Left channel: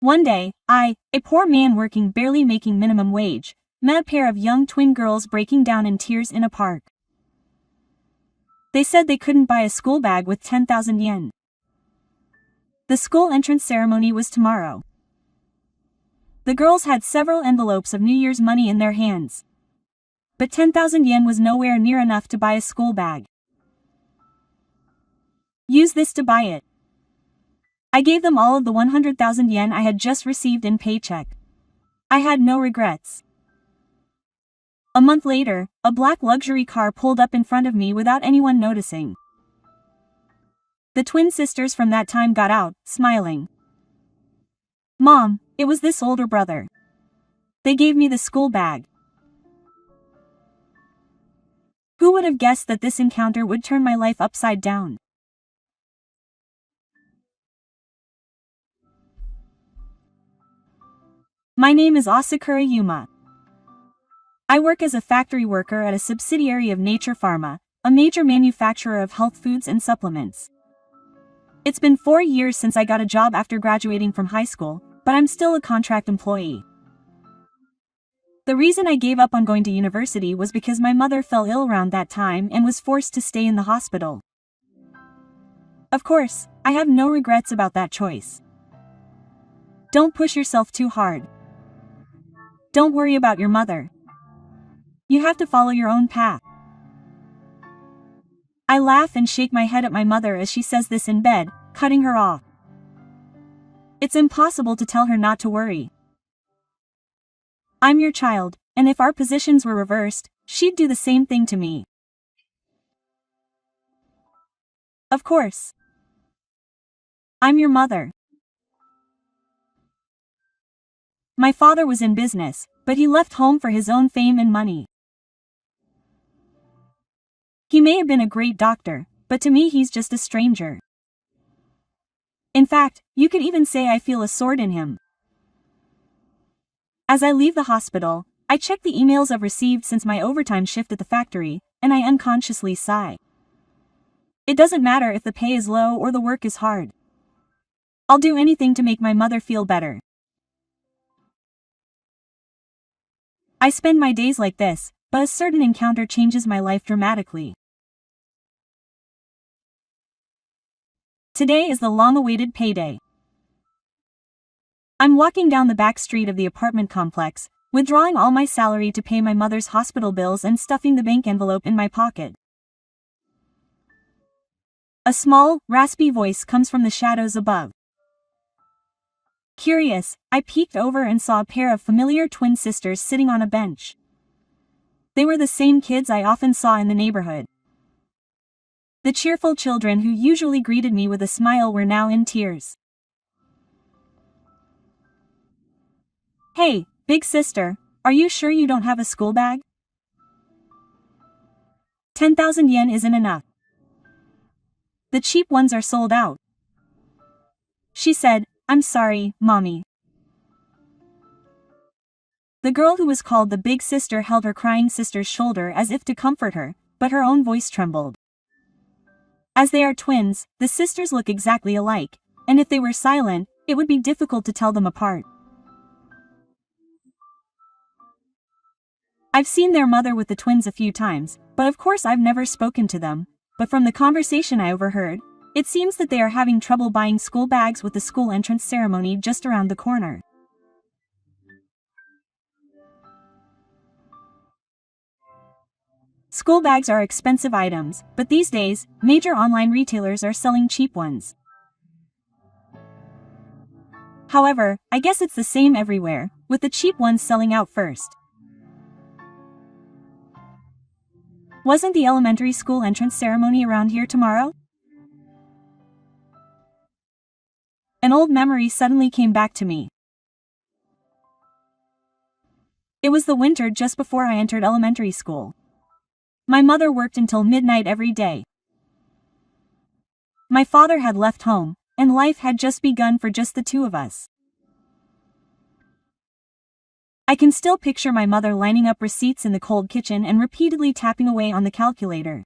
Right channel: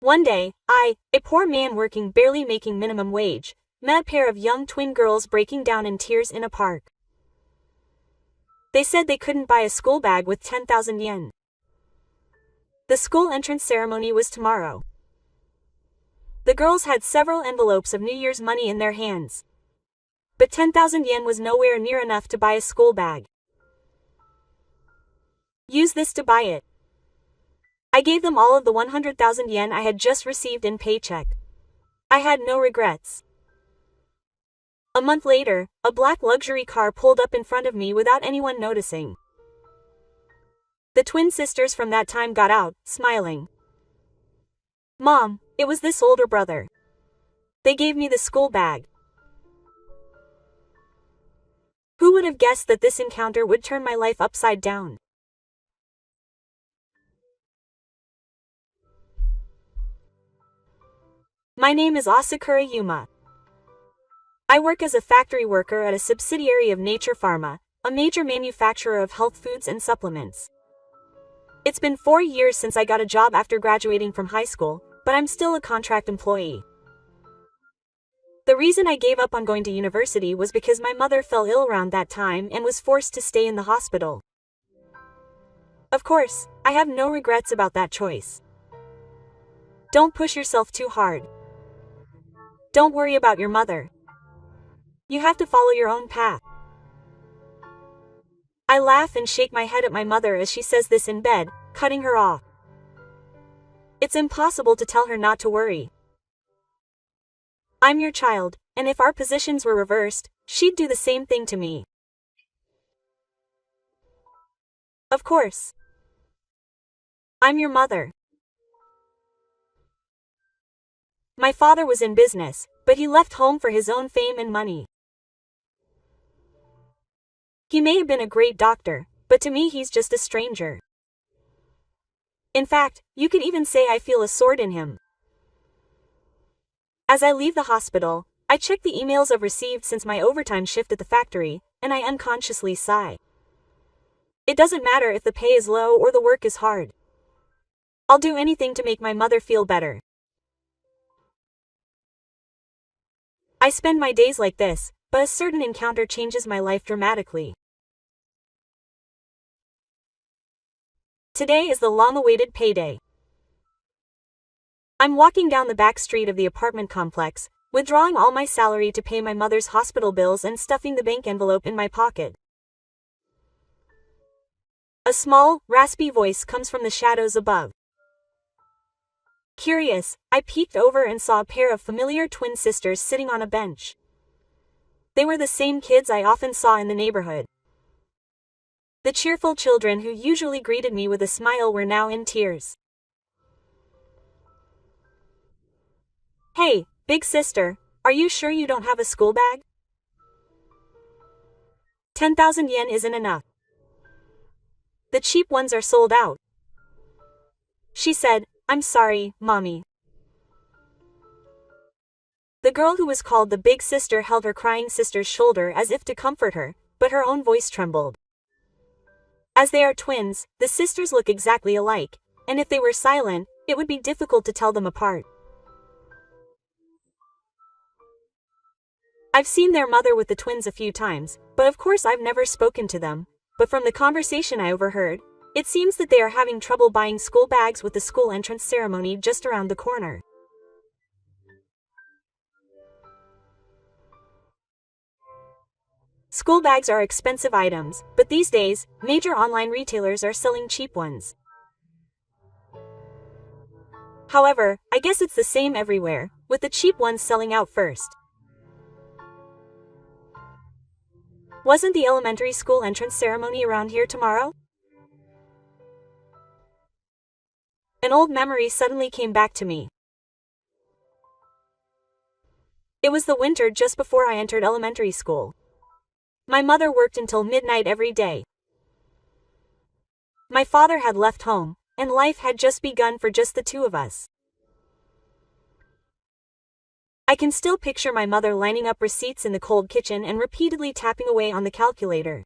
One day, I, a poor man working barely making minimum wage, met a pair of young twin girls breaking down in tears in a park. They said they couldn't buy a school bag with 10,000 yen. The school entrance ceremony was tomorrow. The girls had several envelopes of New Year's money in their hands. But 10,000 yen was nowhere near enough to buy a school bag. Use this to buy it. I gave them all of the 100,000 yen I had just received in paycheck. I had no regrets. A month later, a black luxury car pulled up in front of me without anyone noticing. The twin sisters from that time got out, smiling. Mom, it was this older brother. They gave me the school bag. Who would have guessed that this encounter would turn my life upside down? My name is Asakura Yuma. I work as a factory worker at a subsidiary of Nature Pharma, a major manufacturer of health foods and supplements. It's been 4 years since I got a job after graduating from high school, but I'm still a contract employee. The reason I gave up on going to university was because my mother fell ill around that time and was forced to stay in the hospital. Of course, I have no regrets about that choice. Don't push yourself too hard. Don't worry about your mother. You have to follow your own path. I laugh and shake my head at my mother as she says this in bed, cutting her off. It's impossible to tell her not to worry. I'm your child, and if our positions were reversed, she'd do the same thing to me. Of course. I'm your mother. My father was in business, but he left home for his own fame and money. He may have been a great doctor, but to me he's just a stranger. In fact, you could even say I feel a sword in him. As I leave the hospital, I check the emails I've received since my overtime shift at the factory, and I unconsciously sigh. It doesn't matter if the pay is low or the work is hard. I'll do anything to make my mother feel better. I spend my days like this, but a certain encounter changes my life dramatically. Today is the long-awaited payday. I'm walking down the back street of the apartment complex, withdrawing all my salary to pay my mother's hospital bills and stuffing the bank envelope in my pocket. A small, raspy voice comes from the shadows above. Curious, I peeked over and saw a pair of familiar twin sisters sitting on a bench. They were the same kids I often saw in the neighborhood. The cheerful children who usually greeted me with a smile were now in tears. Hey, big sister, are you sure you don't have a school bag? 10,000 yen isn't enough. The cheap ones are sold out. She said, I'm sorry, Mommy. The girl who was called the big sister held her crying sister's shoulder as if to comfort her, but her own voice trembled. As they are twins, the sisters look exactly alike, and if they were silent, it would be difficult to tell them apart. I've seen their mother with the twins a few times, but of course I've never spoken to them, but from the conversation I overheard, it seems that they are having trouble buying school bags with the school entrance ceremony just around the corner. School bags are expensive items, but these days, major online retailers are selling cheap ones. However, I guess it's the same everywhere, with the cheap ones selling out first. Wasn't the elementary school entrance ceremony around here tomorrow? An old memory suddenly came back to me. It was the winter just before I entered elementary school. My mother worked until midnight every day. My father had left home, and life had just begun for just the two of us. I can still picture my mother lining up receipts in the cold kitchen and repeatedly tapping away on the calculator.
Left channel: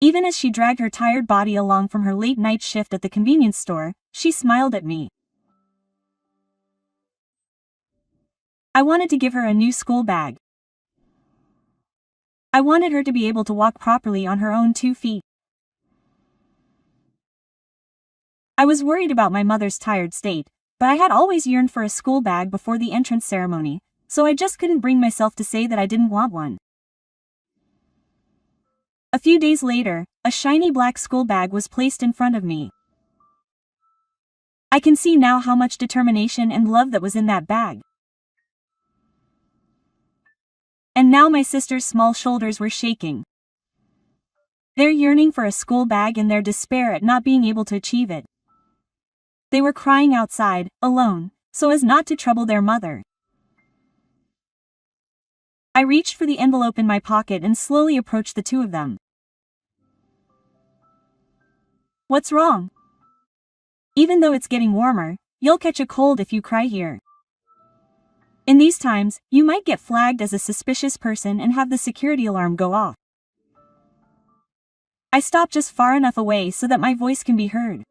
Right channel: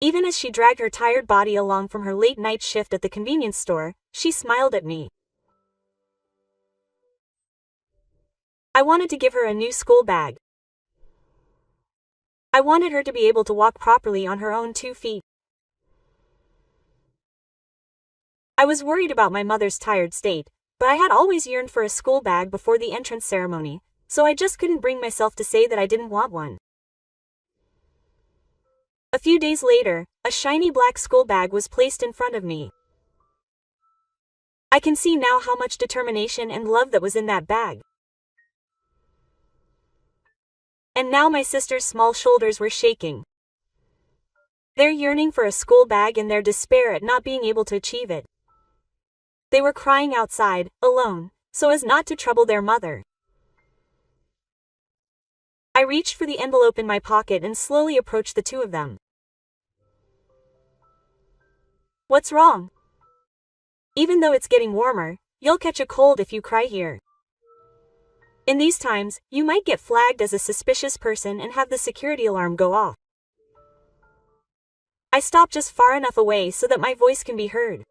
Even as she dragged her tired body along from her late night shift at the convenience store, she smiled at me. I wanted to give her a new school bag. I wanted her to be able to walk properly on her own 2 feet. I was worried about my mother's tired state, but I had always yearned for a school bag before the entrance ceremony, so I just couldn't bring myself to say that I didn't want one. A few days later, a shiny black school bag was placed in front of me. I can see now how much determination and love that was in that bag. And now my sister's small shoulders were shaking. Their yearning for a school bag and their despair at not being able to achieve it. They were crying outside, alone, so as not to trouble their mother. I reached for the envelope in my pocket and slowly approached the two of them. What's wrong? Even though it's getting warmer, you'll catch a cold if you cry here. In these times, you might get flagged as a suspicious person and have the security alarm go off. I stop just far enough away so that my voice can be heard.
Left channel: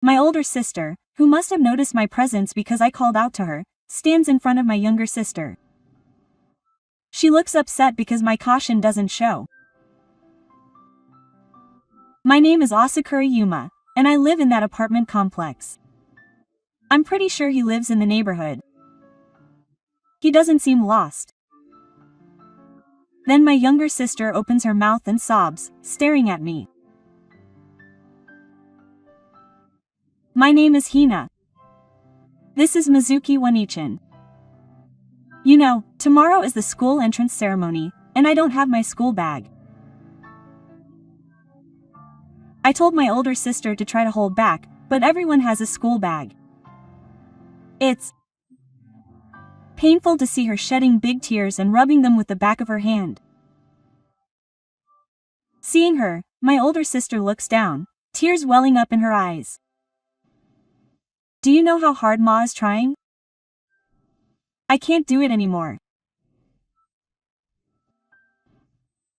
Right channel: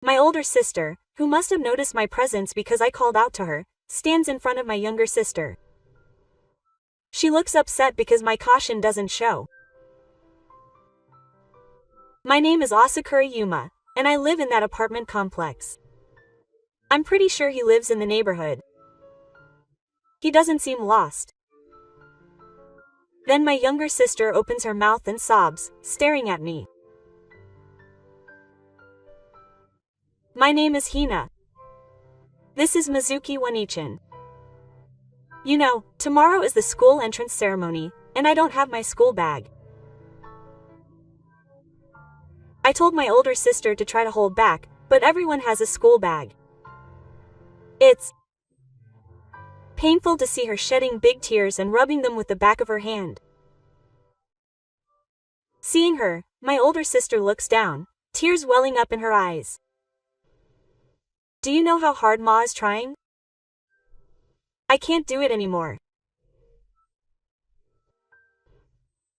My older sister, who must have noticed my presence because I called out to her, stands in front of my younger sister. She looks upset because my caution doesn't show. My name is Asakura Yuma, and I live in that apartment complex. I'm pretty sure he lives in the neighborhood. He doesn't seem lost. Then my younger sister opens her mouth and sobs, staring at me. My name is Hina. This is Mizuki Wanichin. You know, tomorrow is the school entrance ceremony, and I don't have my school bag. I told my older sister to try to hold back, but everyone has a school bag. It's painful to see her shedding big tears and rubbing them with the back of her hand. Seeing her, my older sister looks down, tears welling up in her eyes. Do you know how hard Ma is trying? I can't do it anymore.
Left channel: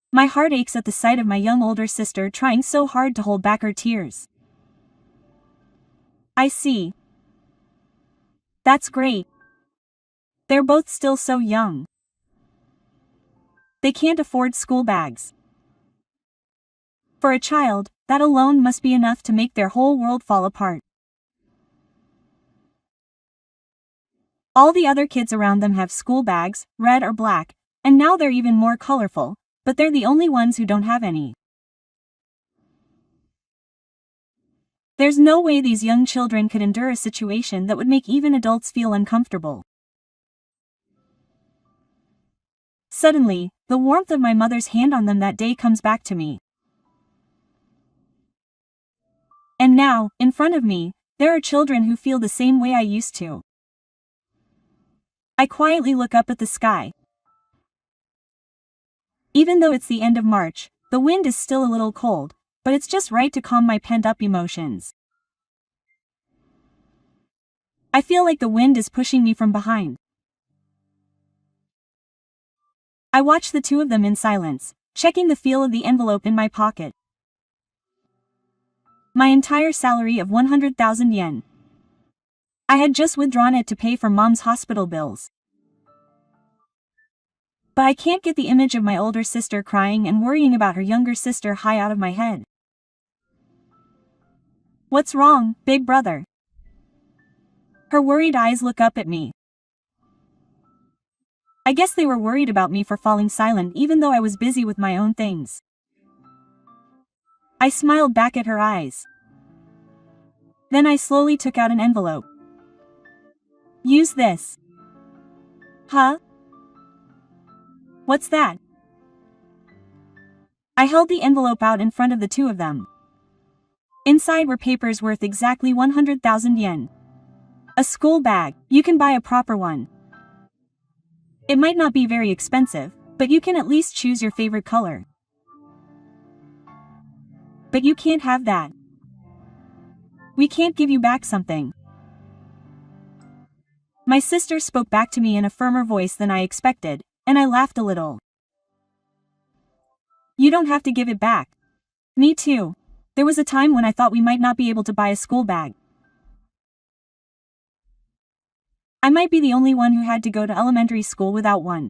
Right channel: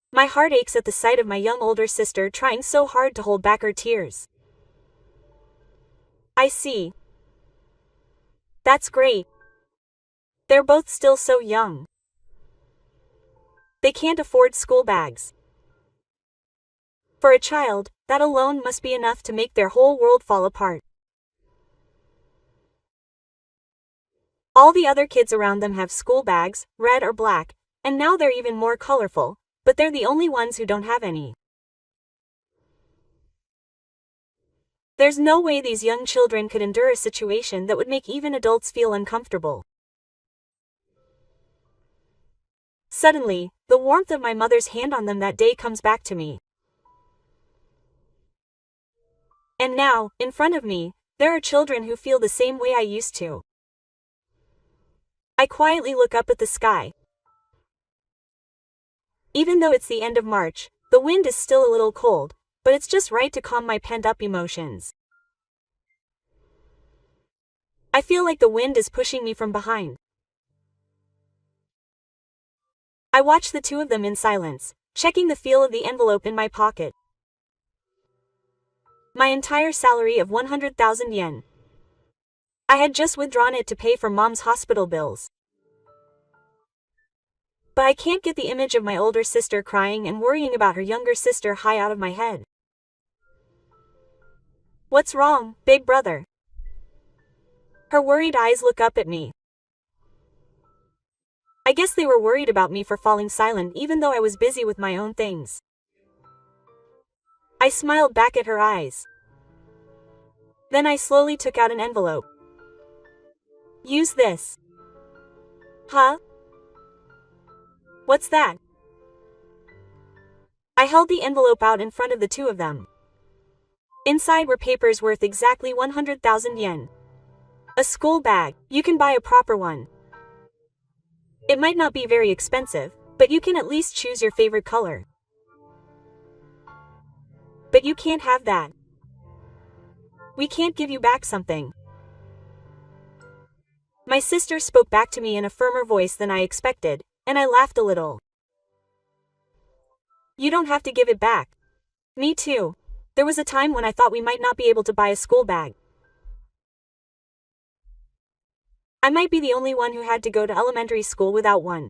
My heart aches at the sight of my young older sister trying so hard to hold back her tears. I see. That's great. They're both still so young. They can't afford school bags. For a child, that alone must be enough to make their whole world fall apart. All the other kids around them have school bags, red or black, and now they're even more colorful, but they're the only ones who don't have any. There's no way these young children could endure a situation that would make even adults feel uncomfortable. Suddenly, the warmth of my mother's hand on them that day comes back to me. And now, in front of me, there are children who feel the same way I used to. I quietly look up at the sky. Even though it's the end of March, the wind is still a little cold, but it's just right to calm my pent-up emotions. I feel like the wind is pushing me from behind. I watch the two of them in silence, checking the feel of the envelope in my pocket. My entire salary of 100,000 yen. I had just withdrawn it to pay for Mom's hospital bills. But I can't get the image of my older sister crying and worrying about her younger sister high out of my head. What's wrong, big brother? Her worried eyes look up at me. I guess they were worried about me for falling silent even though I was busy with my own things. I smiled back at her eyes. Then I slowly took out an envelope. Use this. Huh? What's that? I held the envelope out in front of the two of them. Inside were papers worth exactly 100,000 yen. A school bag. You can buy a proper one. It might not be very expensive, but you can at least choose your favorite color. But you can't have that. We can't give you back something. My sister spoke back to me in a firmer voice than I expected, and I laughed a little. You don't have to give it back. Me too. There was a time when I thought we might not be able to buy a school bag. I might be the only one who had to go to elementary school without one.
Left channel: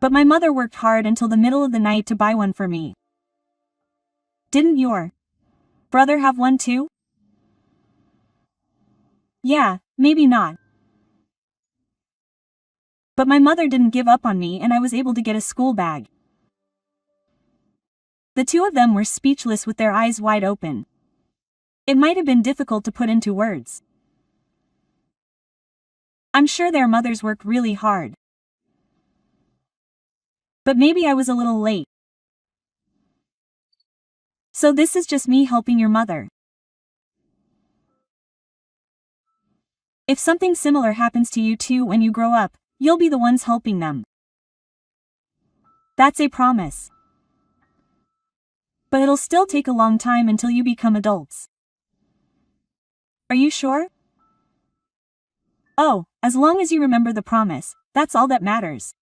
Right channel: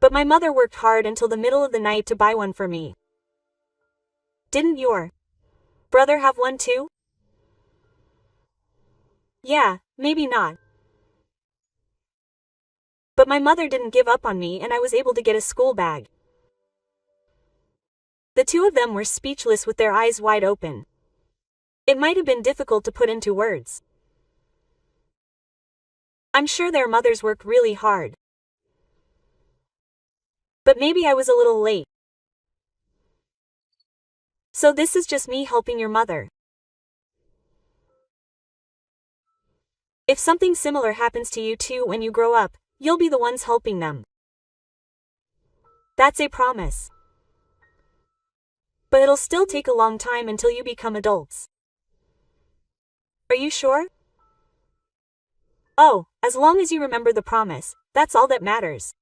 But my mother worked hard until the middle of the night to buy one for me. Didn't your brother have one too? Yeah, maybe not. But my mother didn't give up on me and I was able to get a school bag. The two of them were speechless with their eyes wide open. It might have been difficult to put into words. I'm sure their mothers worked really hard. But maybe I was a little late. So this is just me helping your mother. If something similar happens to you too when you grow up, you'll be the ones helping them. That's a promise. But it'll still take a long time until you become adults. Are you sure? Oh, as long as you remember the promise, that's all that matters.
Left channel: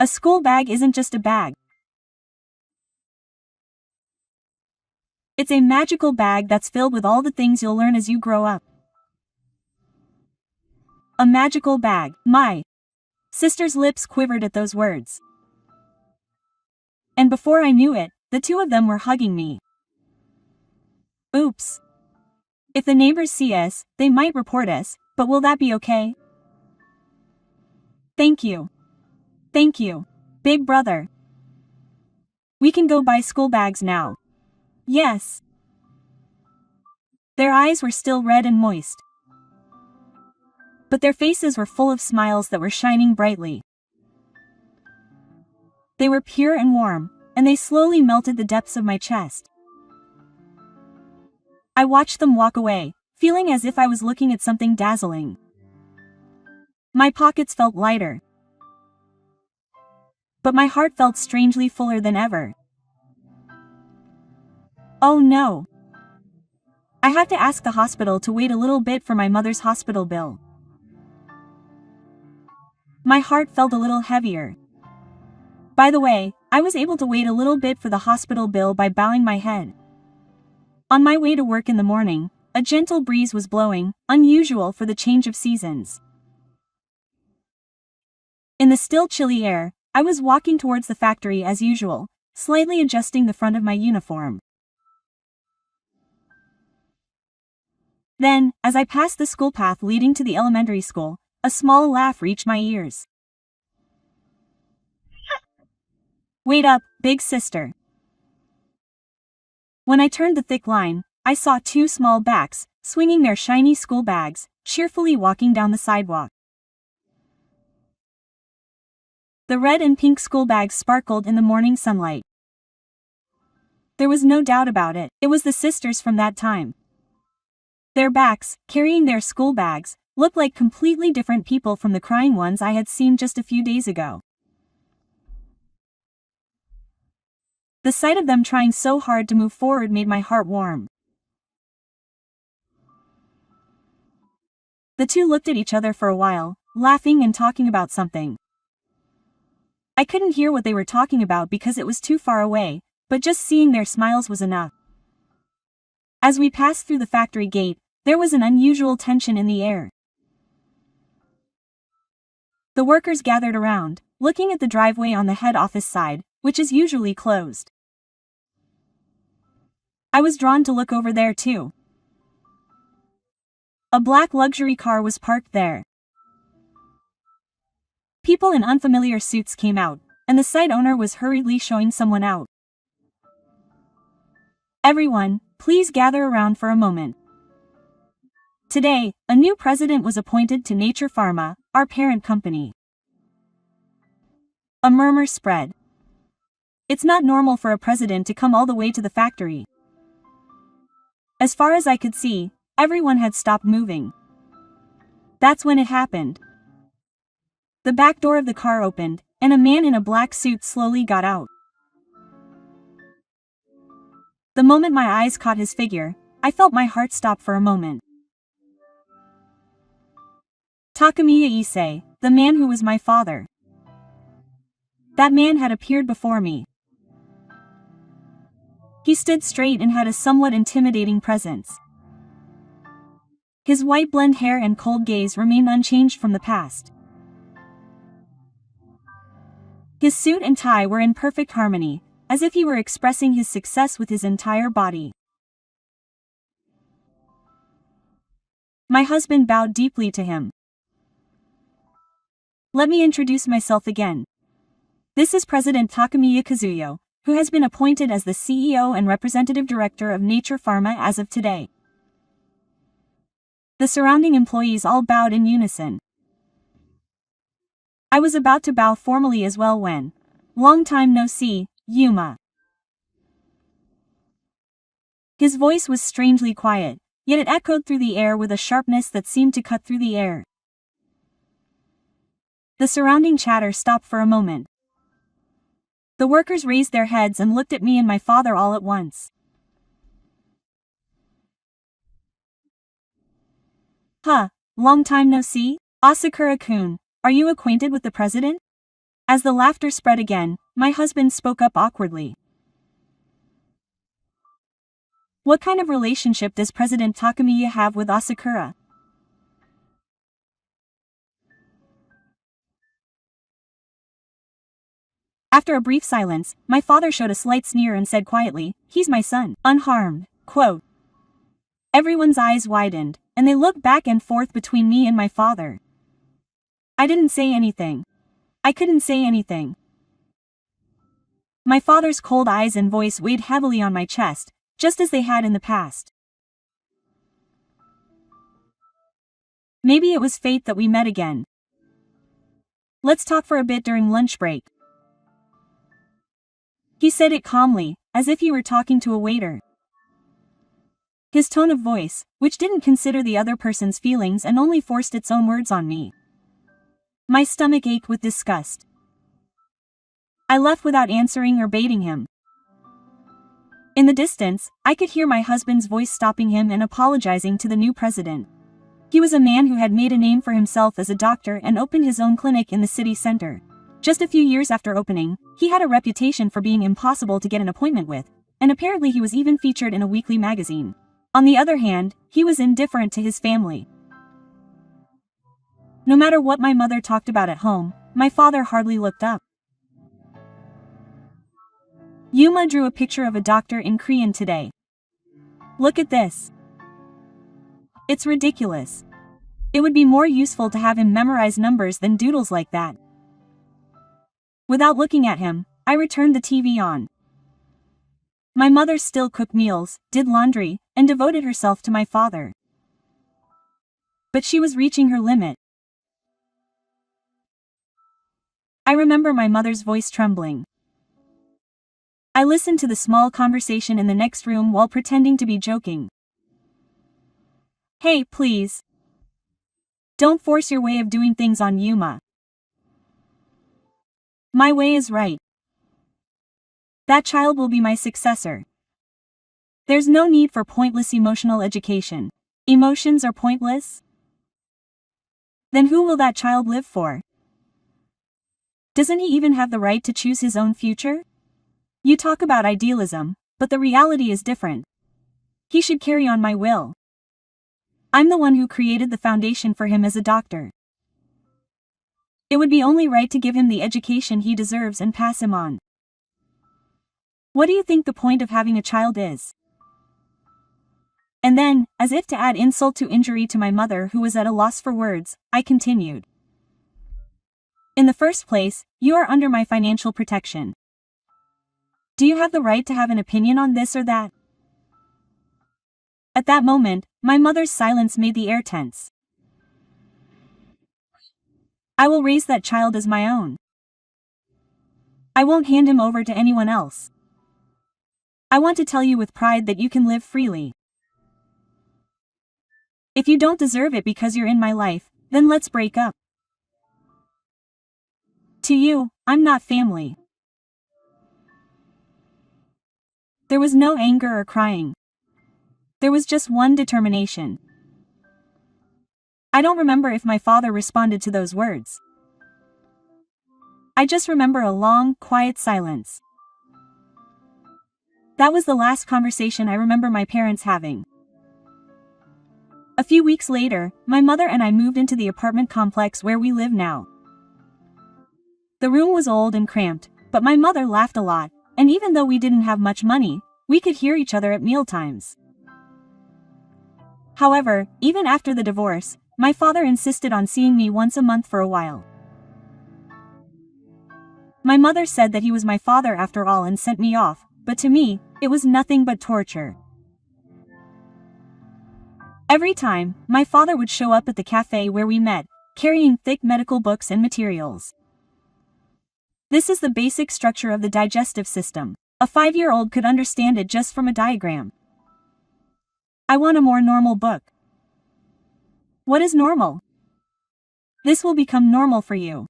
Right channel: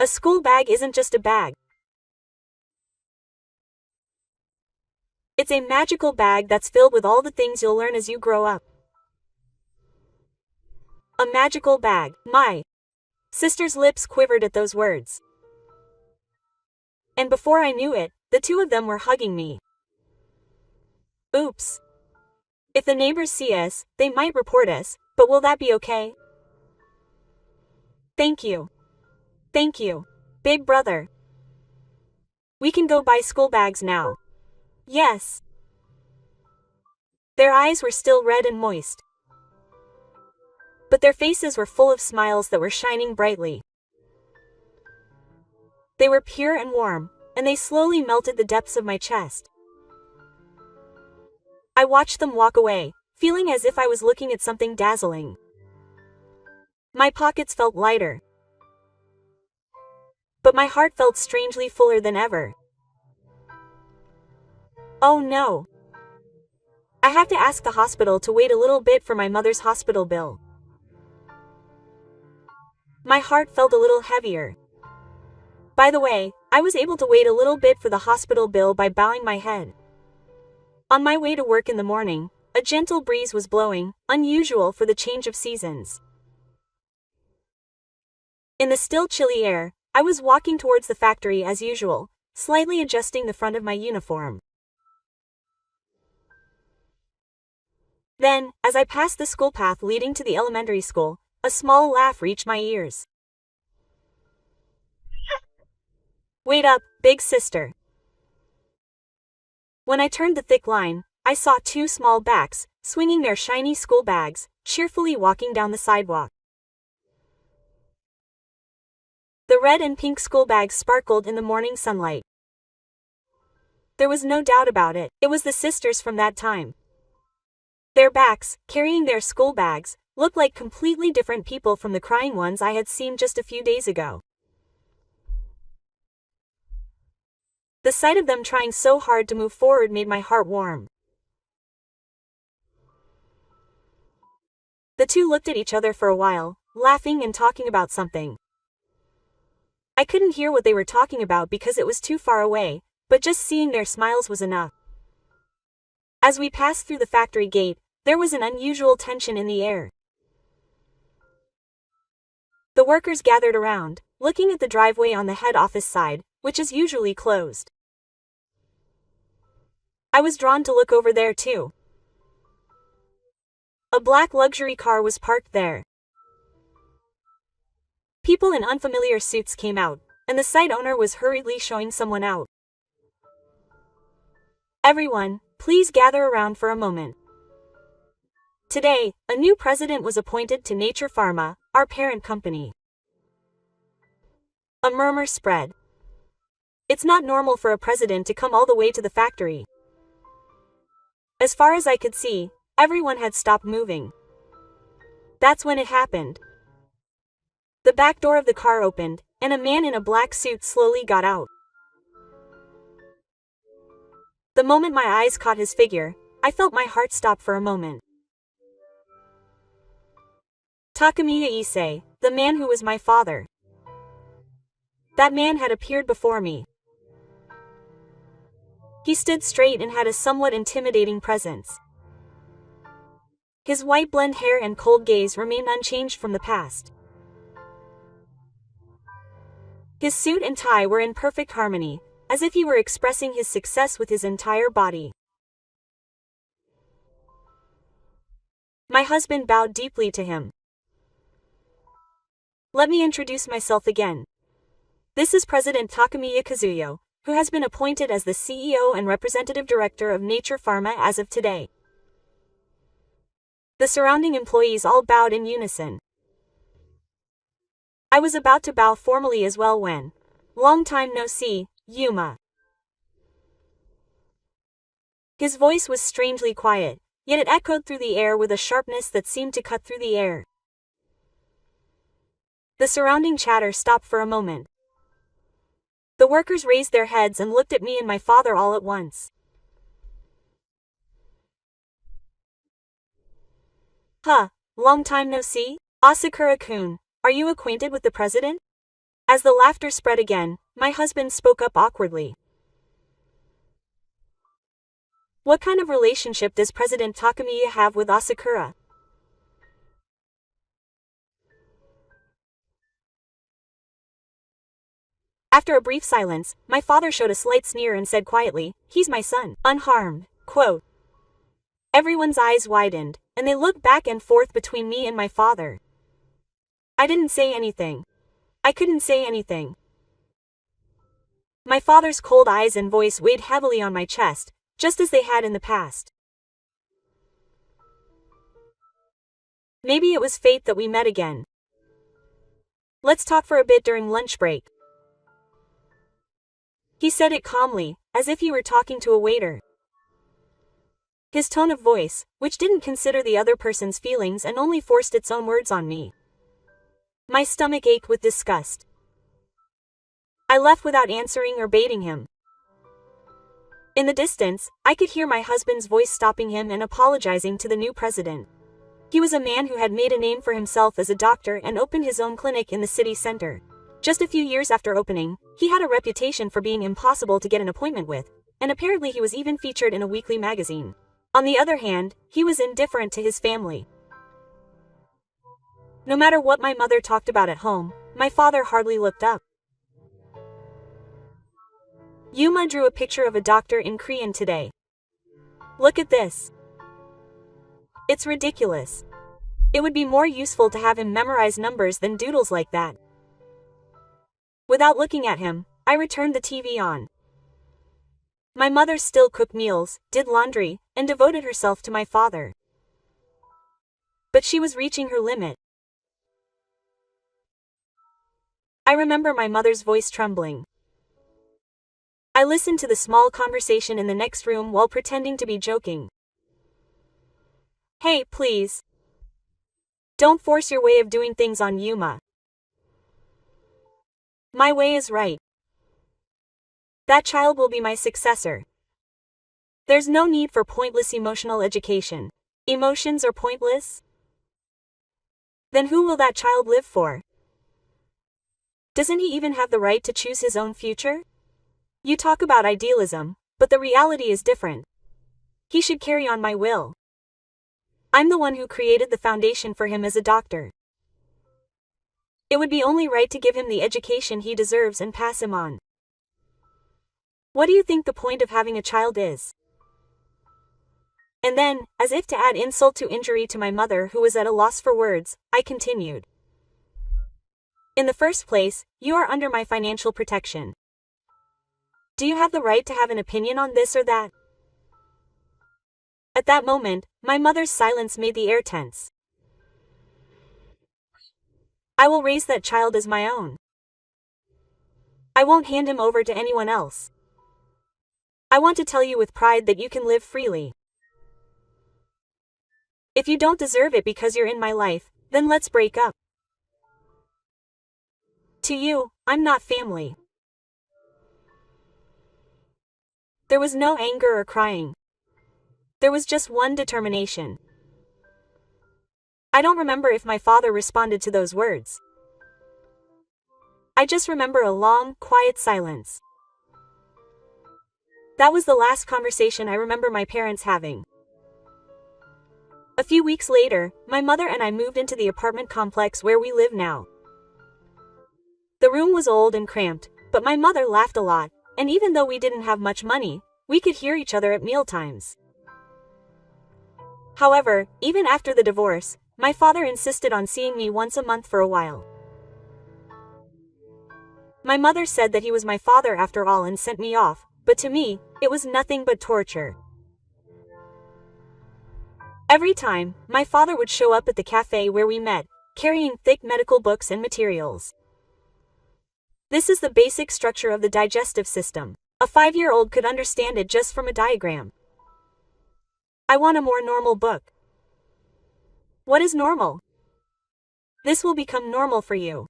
A school bag isn't just a bag. It's a magical bag that's filled with all the things you'll learn as you grow up. A magical bag. My sister's lips quivered at those words. And before I knew it, the two of them were hugging me. Oops. If the neighbors see us, they might report us, but will that be okay? Thank you. Thank you, big brother. We can go buy school bags now. Yes. Their eyes were still red and moist. But their faces were full of smiles that were shining brightly. They were pure and warm, and they slowly melted the depths of my chest. I watched them walk away, feeling as if I was looking at something dazzling. My pockets felt lighter. But my heart felt strangely fuller than ever. Oh no. I have to ask the hospital to wait a little bit for my mother's hospital bill. My heart felt a little heavier. By the way, I was able to wait a little bit for the hospital bill by bowing my head. On my way to work in the morning, a gentle breeze was blowing, unusual for the change of seasons. In the still chilly air, I was walking towards the factory as usual, slightly adjusting the front of my uniform. Then, as I passed the school path leading to the elementary school, a small laugh reached my ears. Wait up, big sister. When I turned the thick line, I saw two small backs, swinging their shiny school bags, cheerfully walking down the sidewalk. The red and pink school bags sparkled in the morning sunlight. There was no doubt about it, it was the sisters from that time. Their backs, carrying their school bags, looked like completely different people from the crying ones I had seen just a few days ago. The sight of them trying so hard to move forward made my heart warm. The two looked at each other for a while, laughing and talking about something. I couldn't hear what they were talking about because it was too far away, but just seeing their smiles was enough. As we passed through the factory gate, there was an unusual tension in the air. The workers gathered around, looking at the driveway on the head office side, which is usually closed. I was drawn to look over there too. A black luxury car was parked there. People in unfamiliar suits came out, and the site owner was hurriedly showing someone out. Everyone, please gather around for a moment. Today, a new president was appointed to Nature Pharma, our parent company. A murmur spread. It's not normal for a president to come all the way to the factory. As far as I could see, everyone had stopped moving. That's when it happened. The back door of the car opened, and a man in a black suit slowly got out. The moment my eyes caught his figure, I felt my heart stop for a moment. Takamiya Issei, the man who was my father. That man had appeared before me. He stood straight and had a somewhat intimidating presence. His white blonde hair and cold gaze remained unchanged from the past. His suit and tie were in perfect harmony, as if he were expressing his success with his entire body. My husband bowed deeply to him. Let me introduce myself again. This is President Takamiya Kazuyo, who has been appointed as the CEO and Representative Director of Nature Pharma as of today. The surrounding employees all bowed in unison. I was about to bow formally as well when, long time no see, Yuma. His voice was strangely quiet, yet it echoed through the air with a sharpness that seemed to cut through the air. The surrounding chatter stopped for a moment. The workers raised their heads and looked at me and my father all at once. Huh, long time no see? Asakura-kun, are you acquainted with the president? As the laughter spread again, my husband spoke up awkwardly. What kind of relationship does President Takamiya have with Asakura? After a brief silence, my father showed a slight sneer and said quietly, "He's my son." Unharmed. Quote. Everyone's eyes widened, and they looked back and forth between me and my father. I didn't say anything. I couldn't say anything. My father's cold eyes and voice weighed heavily on my chest, just as they had in the past. Maybe it was fate that we met again. Let's talk for a bit during lunch break. He said it calmly, as if he were talking to a waiter. His tone of voice, which didn't consider the other person's feelings and only forced its own words on me. My stomach ached with disgust. I left without answering or baiting him. In the distance, I could hear my husband's voice stopping him and apologizing to the new president. He was a man who had made a name for himself as a doctor and opened his own clinic in the city center. Just a few years after opening, he had a reputation for being impossible to get an appointment with, and apparently he was even featured in a weekly magazine. On the other hand, he was indifferent to his family. No matter what my mother talked about at home, my father hardly looked up. Yuma drew a picture of a doctor in Korean today. Look at this. It's ridiculous. It would be more useful to have him memorize numbers than doodles like that. Without looking at him, I returned the TV on. My mother still cooked meals, did laundry, and devoted herself to my father. But she was reaching her limit. I remember my mother's voice trembling. I listened to the small conversation in the next room while pretending to be joking. Hey, please. Don't force your way of doing things on Yuma. My way is right. That child will be my successor. There's no need for pointless emotional education. Emotions are pointless? Then who will that child live for? Doesn't he even have the right to choose his own future? You talk about idealism, but the reality is different. He should carry on my will. I'm the one who created the foundation for him as a doctor. It would be only right to give him the education he deserves and pass him on. What do you think the point of having a child is? And then, as if to add insult to injury to my mother who was at a loss for words, I continued. In the first place, you are under my financial protection. Do you have the right to have an opinion on this or that? At that moment, my mother's silence made the air tense. I will raise that child as my own. I won't hand him over to anyone else. I want to tell you with pride that you can live freely. If you don't deserve it because you're in my life, then let's break up. To you, I'm not family. There was no anger or crying. There was just one determination. I don't remember if my father responded to those words. I just remember a long, quiet silence. That was the last conversation I remember my parents having. A few weeks later, my mother and I moved into the apartment complex where we live now. The room was old and cramped, but my mother laughed a lot, and even though we didn't have much money, we could hear each other at mealtimes. However, even after the divorce, my father insisted on seeing me once a month for a while. My mother said that he was my father after all and sent me off, but to me, it was nothing but torture. Every time, my father would show up at the cafe where we met, carrying thick medical books and materials. This is the basic structure of the digestive system. A 5-year-old could understand it just from a diagram. I want a more normal book. What is normal? This will become normal for you.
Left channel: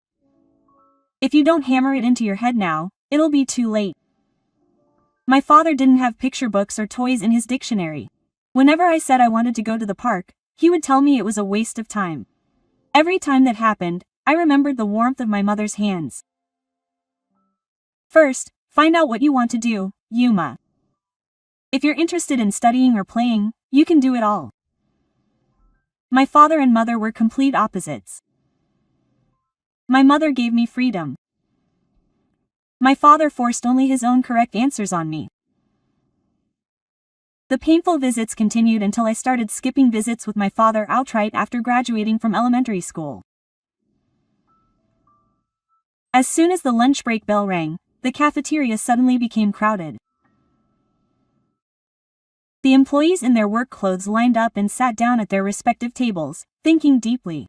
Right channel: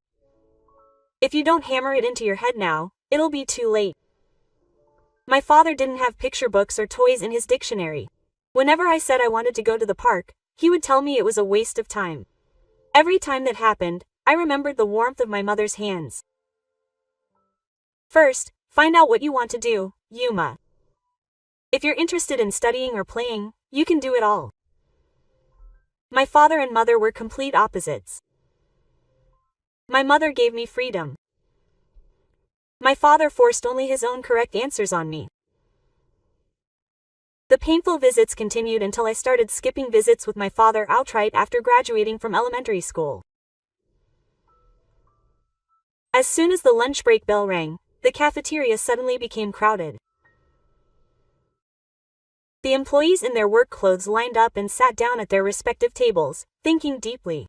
If you don't hammer it into your head now, it'll be too late. My father didn't have picture books or toys in his dictionary. Whenever I said I wanted to go to the park, he would tell me it was a waste of time. Every time that happened, I remembered the warmth of my mother's hands. First, find out what you want to do, Yuma. If you're interested in studying or playing, you can do it all. My father and mother were complete opposites. My mother gave me freedom. My father forced only his own correct answers on me. The painful visits continued until I started skipping visits with my father outright after graduating from elementary school. As soon as the lunch break bell rang, the cafeteria suddenly became crowded. The employees in their work clothes lined up and sat down at their respective tables, thinking deeply.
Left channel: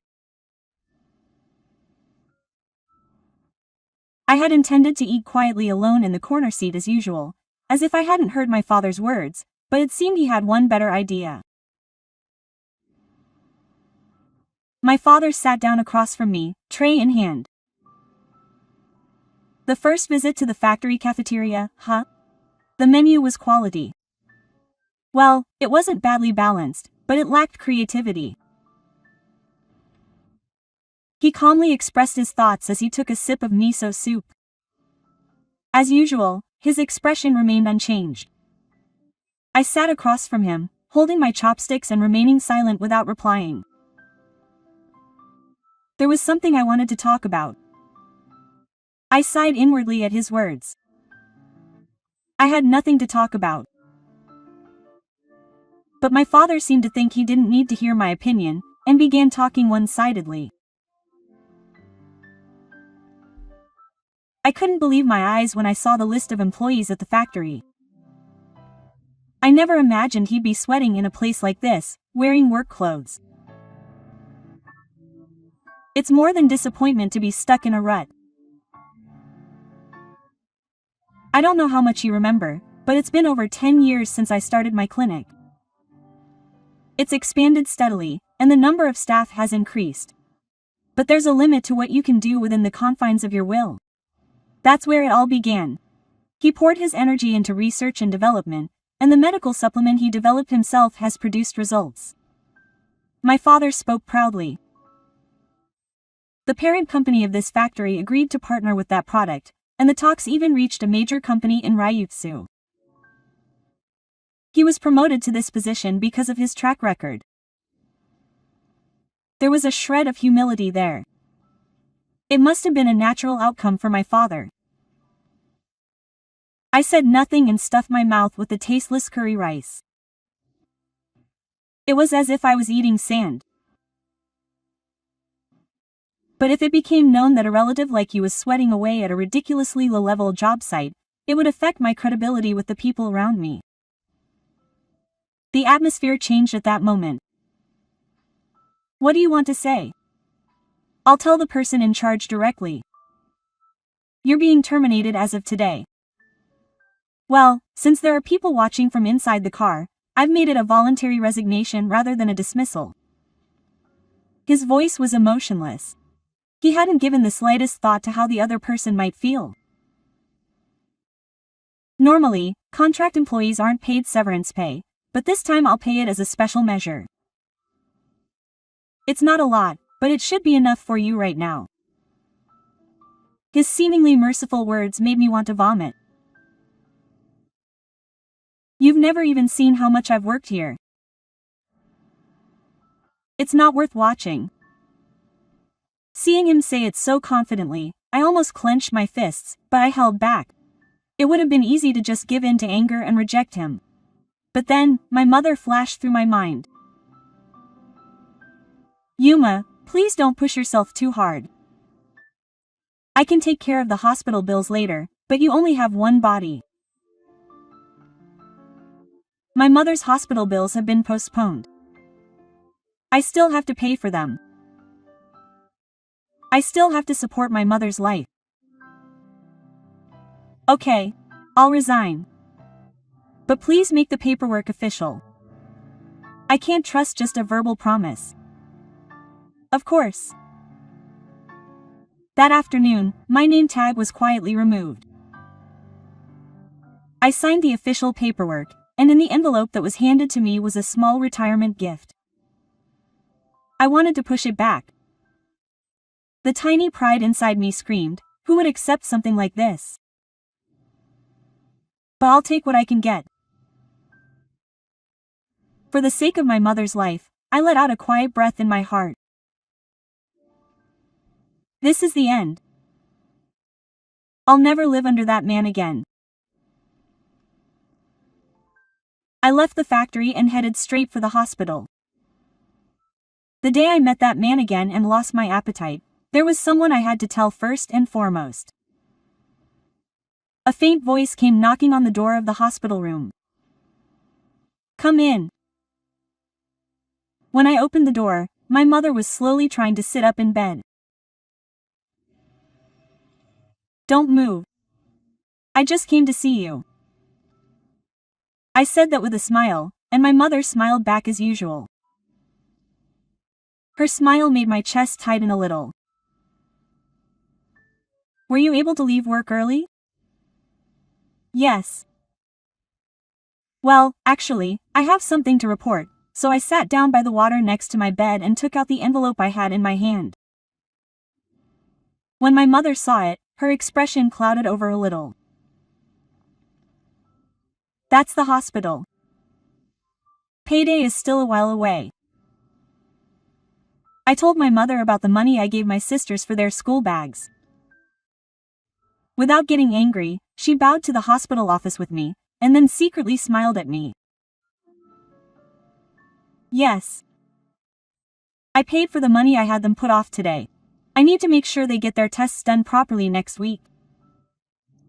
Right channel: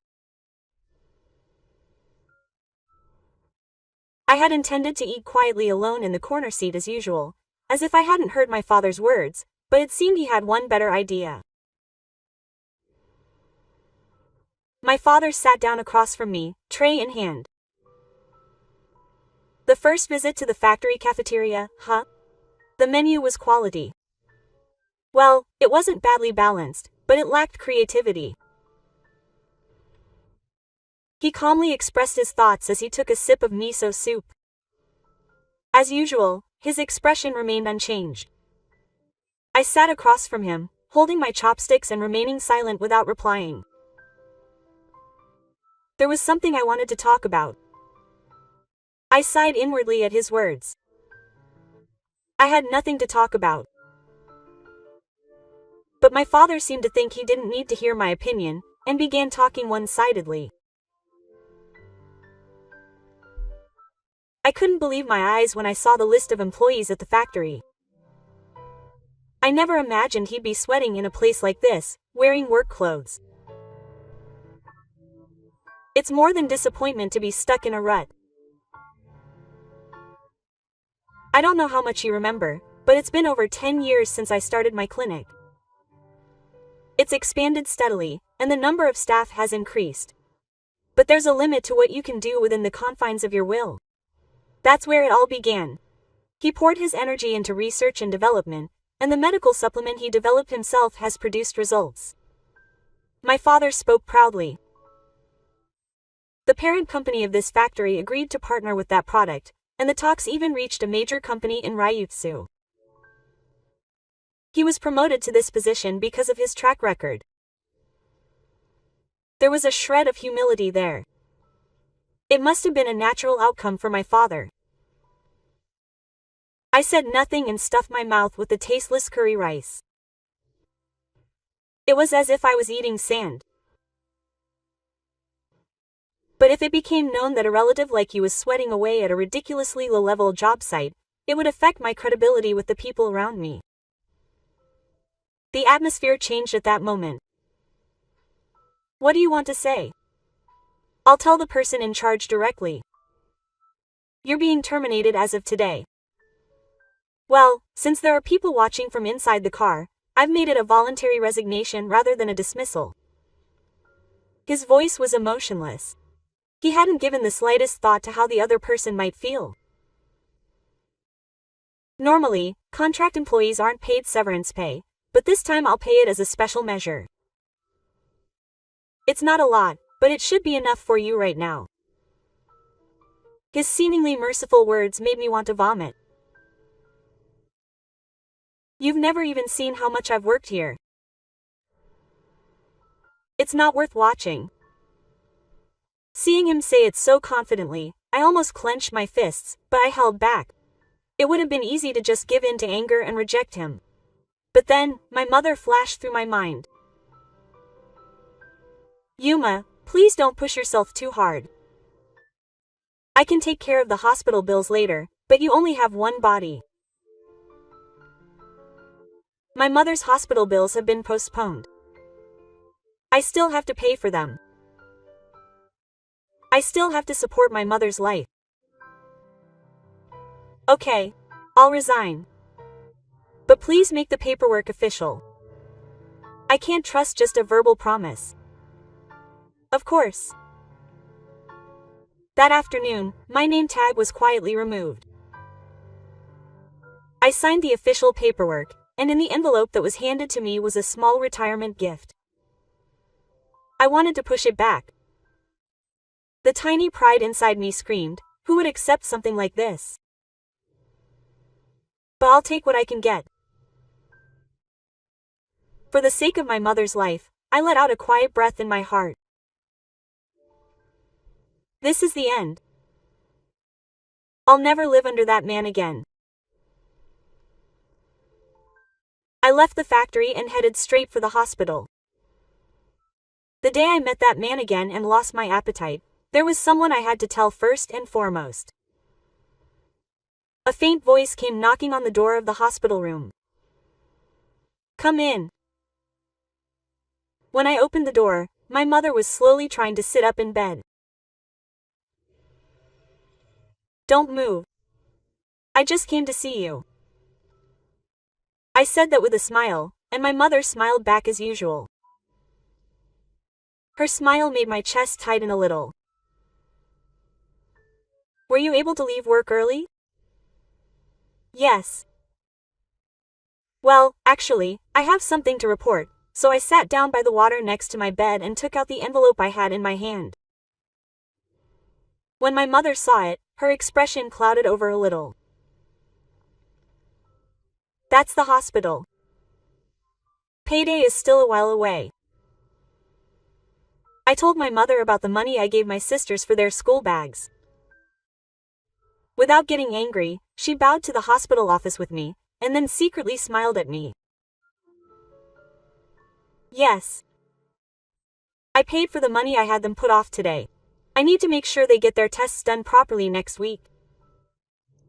I had intended to eat quietly alone in the corner seat as usual, as if I hadn't heard my father's words, but it seemed he had one better idea. My father sat down across from me, tray in hand. The first visit to the factory cafeteria, huh? The menu was quality. Well, it wasn't badly balanced, but it lacked creativity. He calmly expressed his thoughts as he took a sip of miso soup. As usual, his expression remained unchanged. I sat across from him, holding my chopsticks and remaining silent without replying. There was something I wanted to talk about. I sighed inwardly at his words. I had nothing to talk about. But my father seemed to think he didn't need to hear my opinion, and began talking one-sidedly. I couldn't believe my eyes when I saw the list of employees at the factory. I never imagined he'd be sweating in a place like this, wearing work clothes. It's more than disappointment to be stuck in a rut. I don't know how much you remember, but it's been over 10 years since I started my clinic. It's expanded steadily, and the number of staff has increased. But there's a limit to what you can do within the confines of your will. That's where it all began. He poured his energy into research and development, and the medical supplement he developed himself has produced results. My father spoke proudly. The parent company of this factory agreed to partner with that product, and the talks even reached a major company in Ryutsu. He was promoted to this position because of his track record. There was a shred of humility there. It must have been a natural outcome for my father. I said nothing and stuffed my mouth with the tasteless curry rice. It was as if I was eating sand. But if it became known that a relative like you was sweating away at a ridiculously low-level job site, it would affect my credibility with the people around me. The atmosphere changed at that moment. What do you want to say? I'll tell the person in charge directly. You're being terminated as of today. Well, since there are people watching from inside the car, I've made it a voluntary resignation rather than a dismissal. His voice was emotionless. He hadn't given the slightest thought to how the other person might feel. Normally, contract employees aren't paid severance pay, but this time I'll pay it as a special measure. It's not a lot, but it should be enough for you right now. His seemingly merciful words made me want to vomit. You've never even seen how much I've worked here. It's not worth watching. Seeing him say it so confidently, I almost clenched my fists, but I held back. It would have been easy to just give in to anger and reject him. But then, my mother flashed through my mind. Yuma, please don't push yourself too hard. I can take care of the hospital bills later, but you only have one body. My mother's hospital bills have been postponed. I still have to pay for them. I still have to support my mother's life. Okay, I'll resign. But please make the paperwork official. I can't trust just a verbal promise. Of course. That afternoon, my name tag was quietly removed. I signed the official paperwork, and in the envelope that was handed to me was a small retirement gift. I wanted to push it back. The tiny pride inside me screamed, who would accept something like this? But I'll take what I can get. For the sake of my mother's life, I let out a quiet breath in my heart. This is the end. I'll never live under that man again. I left the factory and headed straight for the hospital. The day I met that man again and lost my appetite, there was someone I had to tell first and foremost. A faint voice came knocking on the door of the hospital room. Come in. When I opened the door, my mother was slowly trying to sit up in bed. Don't move. I just came to see you. I said that with a smile, and my mother smiled back as usual. Her smile made my chest tighten a little. Were you able to leave work early? Yes. Well, actually, I have something to report, so I sat down by the water next to my bed and took out the envelope I had in my hand. When my mother saw it, her expression clouded over a little. That's the hospital. Payday is still a while away. I told my mother about the money I gave my sisters for their school bags. Without getting angry, she bowed to the hospital office with me, and then secretly smiled at me. Yes. I paid for the money I had them put off today. I need to make sure they get their tests done properly next week.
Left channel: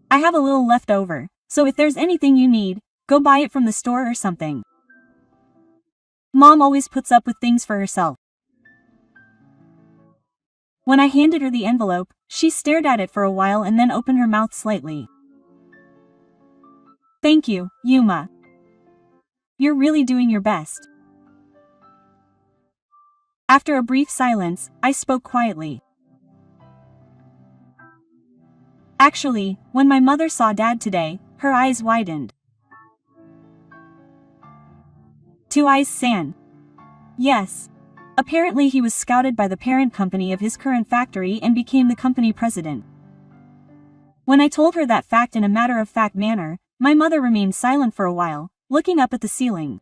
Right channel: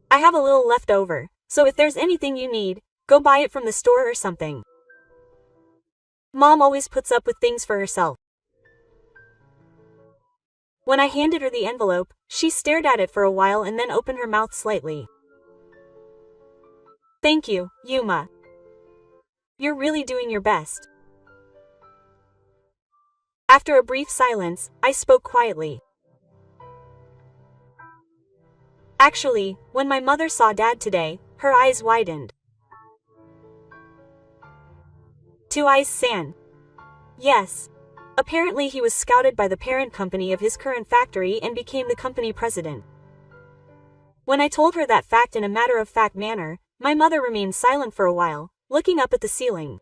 I have a little left over, so if there's anything you need, go buy it from the store or something. Mom always puts up with things for herself. When I handed her the envelope, she stared at it for a while and then opened her mouth slightly. Thank you, Yuma. You're really doing your best. After a brief silence, I spoke quietly. Actually, when my mother saw Dad today, her eyes widened. Two eyes san. Yes. Apparently he was scouted by the parent company of his current factory and became the company president. When I told her that fact in a matter-of-fact manner, my mother remained silent for a while, looking up at the ceiling.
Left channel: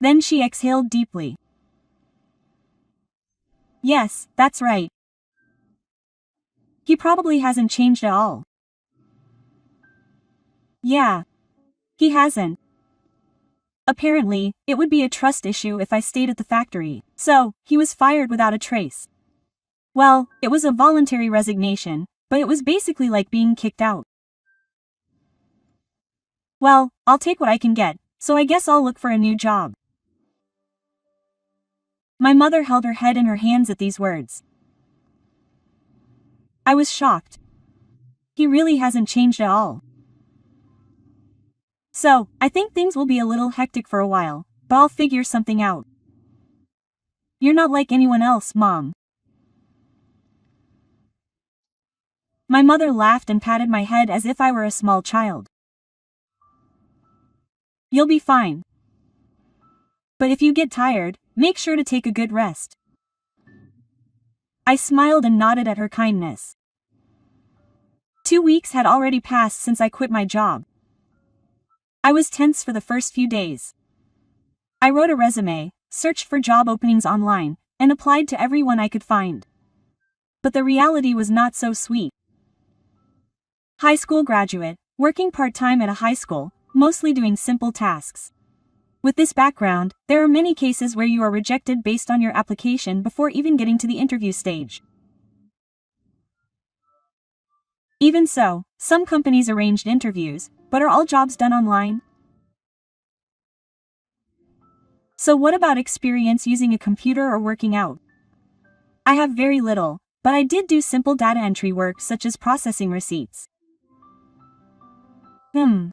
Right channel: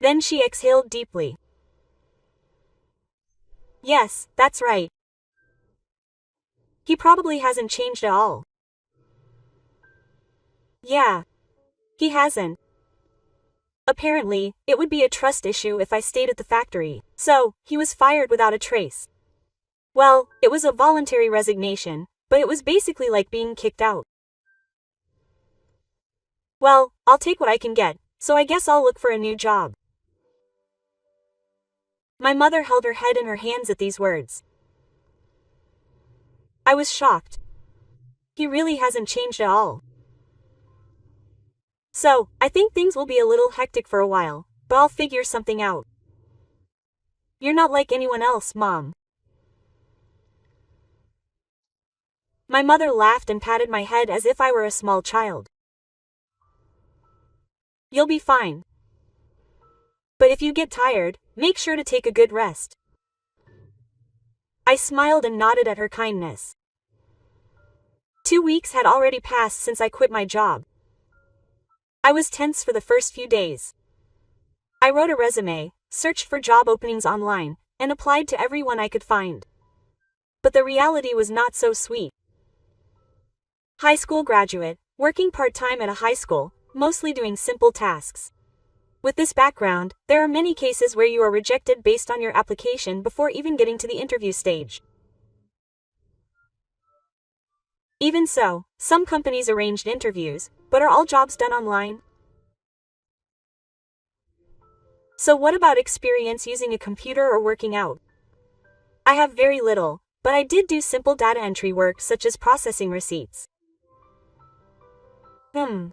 Then she exhaled deeply. Yes, that's right. He probably hasn't changed at all. Yeah. He hasn't. Apparently, it would be a trust issue if I stayed at the factory, so, he was fired without a trace. Well, it was a voluntary resignation, but it was basically like being kicked out. Well, I'll take what I can get, so I guess I'll look for a new job. My mother held her head in her hands at these words. I was shocked. He really hasn't changed at all. So, I think things will be a little hectic for a while, but I'll figure something out. You're not like anyone else, Mom. My mother laughed and patted my head as if I were a small child. You'll be fine. But if you get tired, make sure to take a good rest. I smiled and nodded at her kindness. 2 weeks had already passed since I quit my job. I was tense for the first few days. I wrote a resume, searched for job openings online, and applied to everyone I could find. But the reality was not so sweet. High school graduate, working part-time at a high school, mostly doing simple tasks. With this background, there are many cases where you are rejected based on your application before even getting to the interview stage. Even so, some companies arranged interviews, but are all jobs done online? So what about experience using a computer or working out? I have very little, but I did do simple data entry work such as processing receipts. To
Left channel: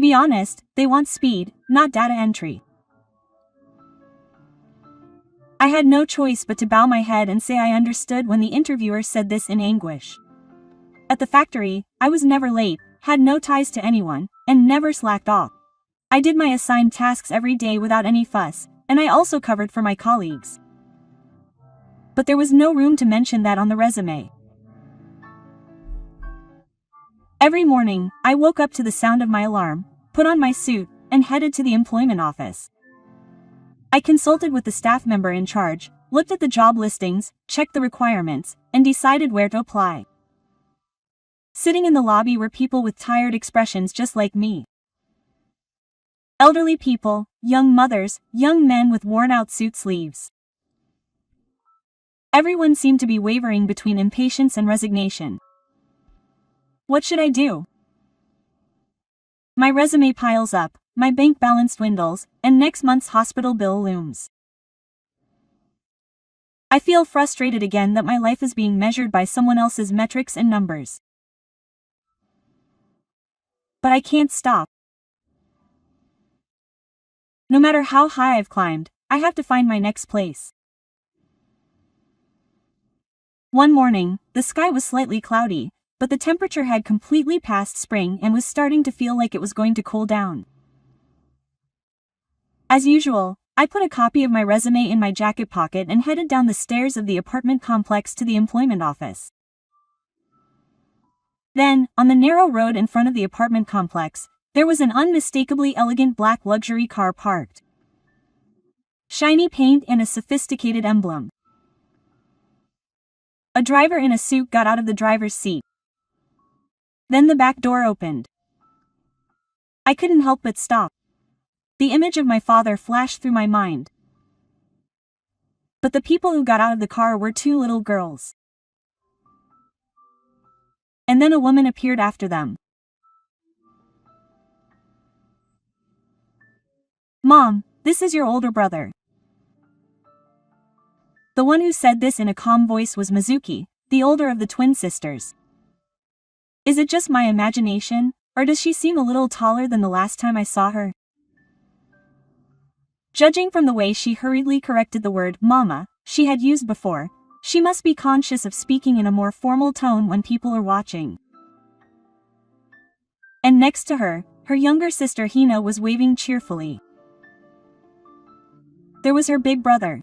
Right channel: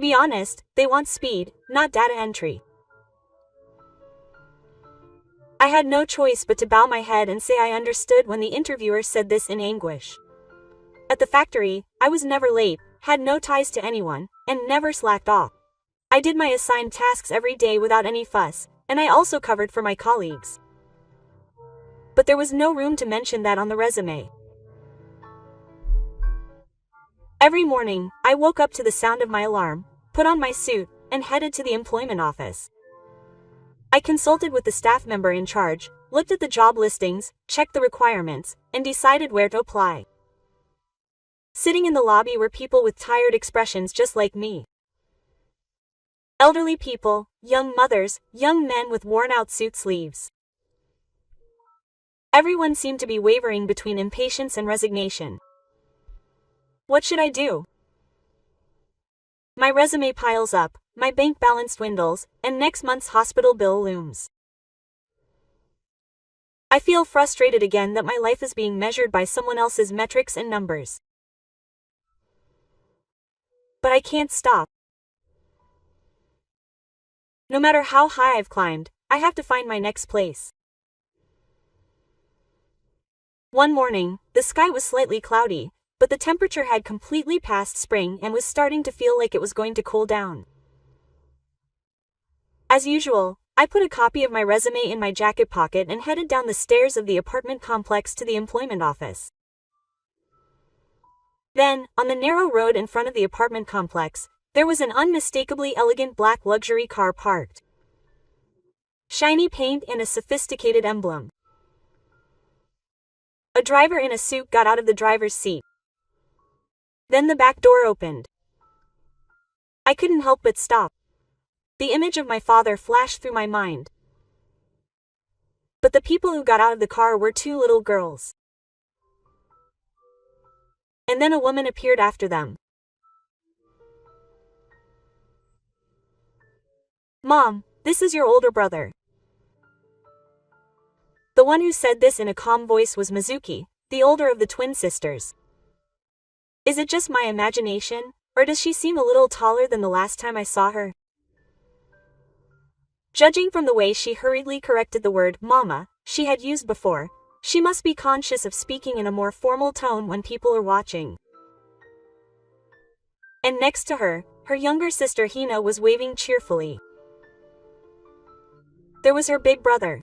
be honest, they want speed, not data entry. I had no choice but to bow my head and say I understood when the interviewer said this in anguish. At the factory, I was never late, had no ties to anyone, and never slacked off. I did my assigned tasks every day without any fuss, and I also covered for my colleagues. But there was no room to mention that on the resume. Every morning, I woke up to the sound of my alarm, put on my suit, and headed to the employment office. I consulted with the staff member in charge, looked at the job listings, checked the requirements, and decided where to apply. Sitting in the lobby were people with tired expressions just like me. Elderly people, young mothers, young men with worn-out suit sleeves. Everyone seemed to be wavering between impatience and resignation. What should I do? My resume piles up, my bank balance dwindles, and next month's hospital bill looms. I feel frustrated again that my life is being measured by someone else's metrics and numbers. But I can't stop. No matter how high I've climbed, I have to find my next place. One morning, the sky was slightly cloudy, but the temperature had completely passed spring and was starting to feel like it was going to cool down. As usual, I put a copy of my resume in my jacket pocket and headed down the stairs of the apartment complex to the employment office. Then, on the narrow road in front of the apartment complex, there was an unmistakably elegant black luxury car parked. Shiny paint and a sophisticated emblem. A driver in a suit got out of the driver's seat. Then the back door opened. I couldn't help but stop. The image of my father flashed through my mind. But the people who got out of the car were two little girls. And then a woman appeared after them. "Mom, this is your older brother." The one who said this in a calm voice was Mizuki, the older of the twin sisters. Is it just my imagination, or does she seem a little taller than the last time I saw her? Judging from the way she hurriedly corrected the word "mama" she had used before, she must be conscious of speaking in a more formal tone when people are watching. And next to her, her younger sister Hina was waving cheerfully. There was her big brother.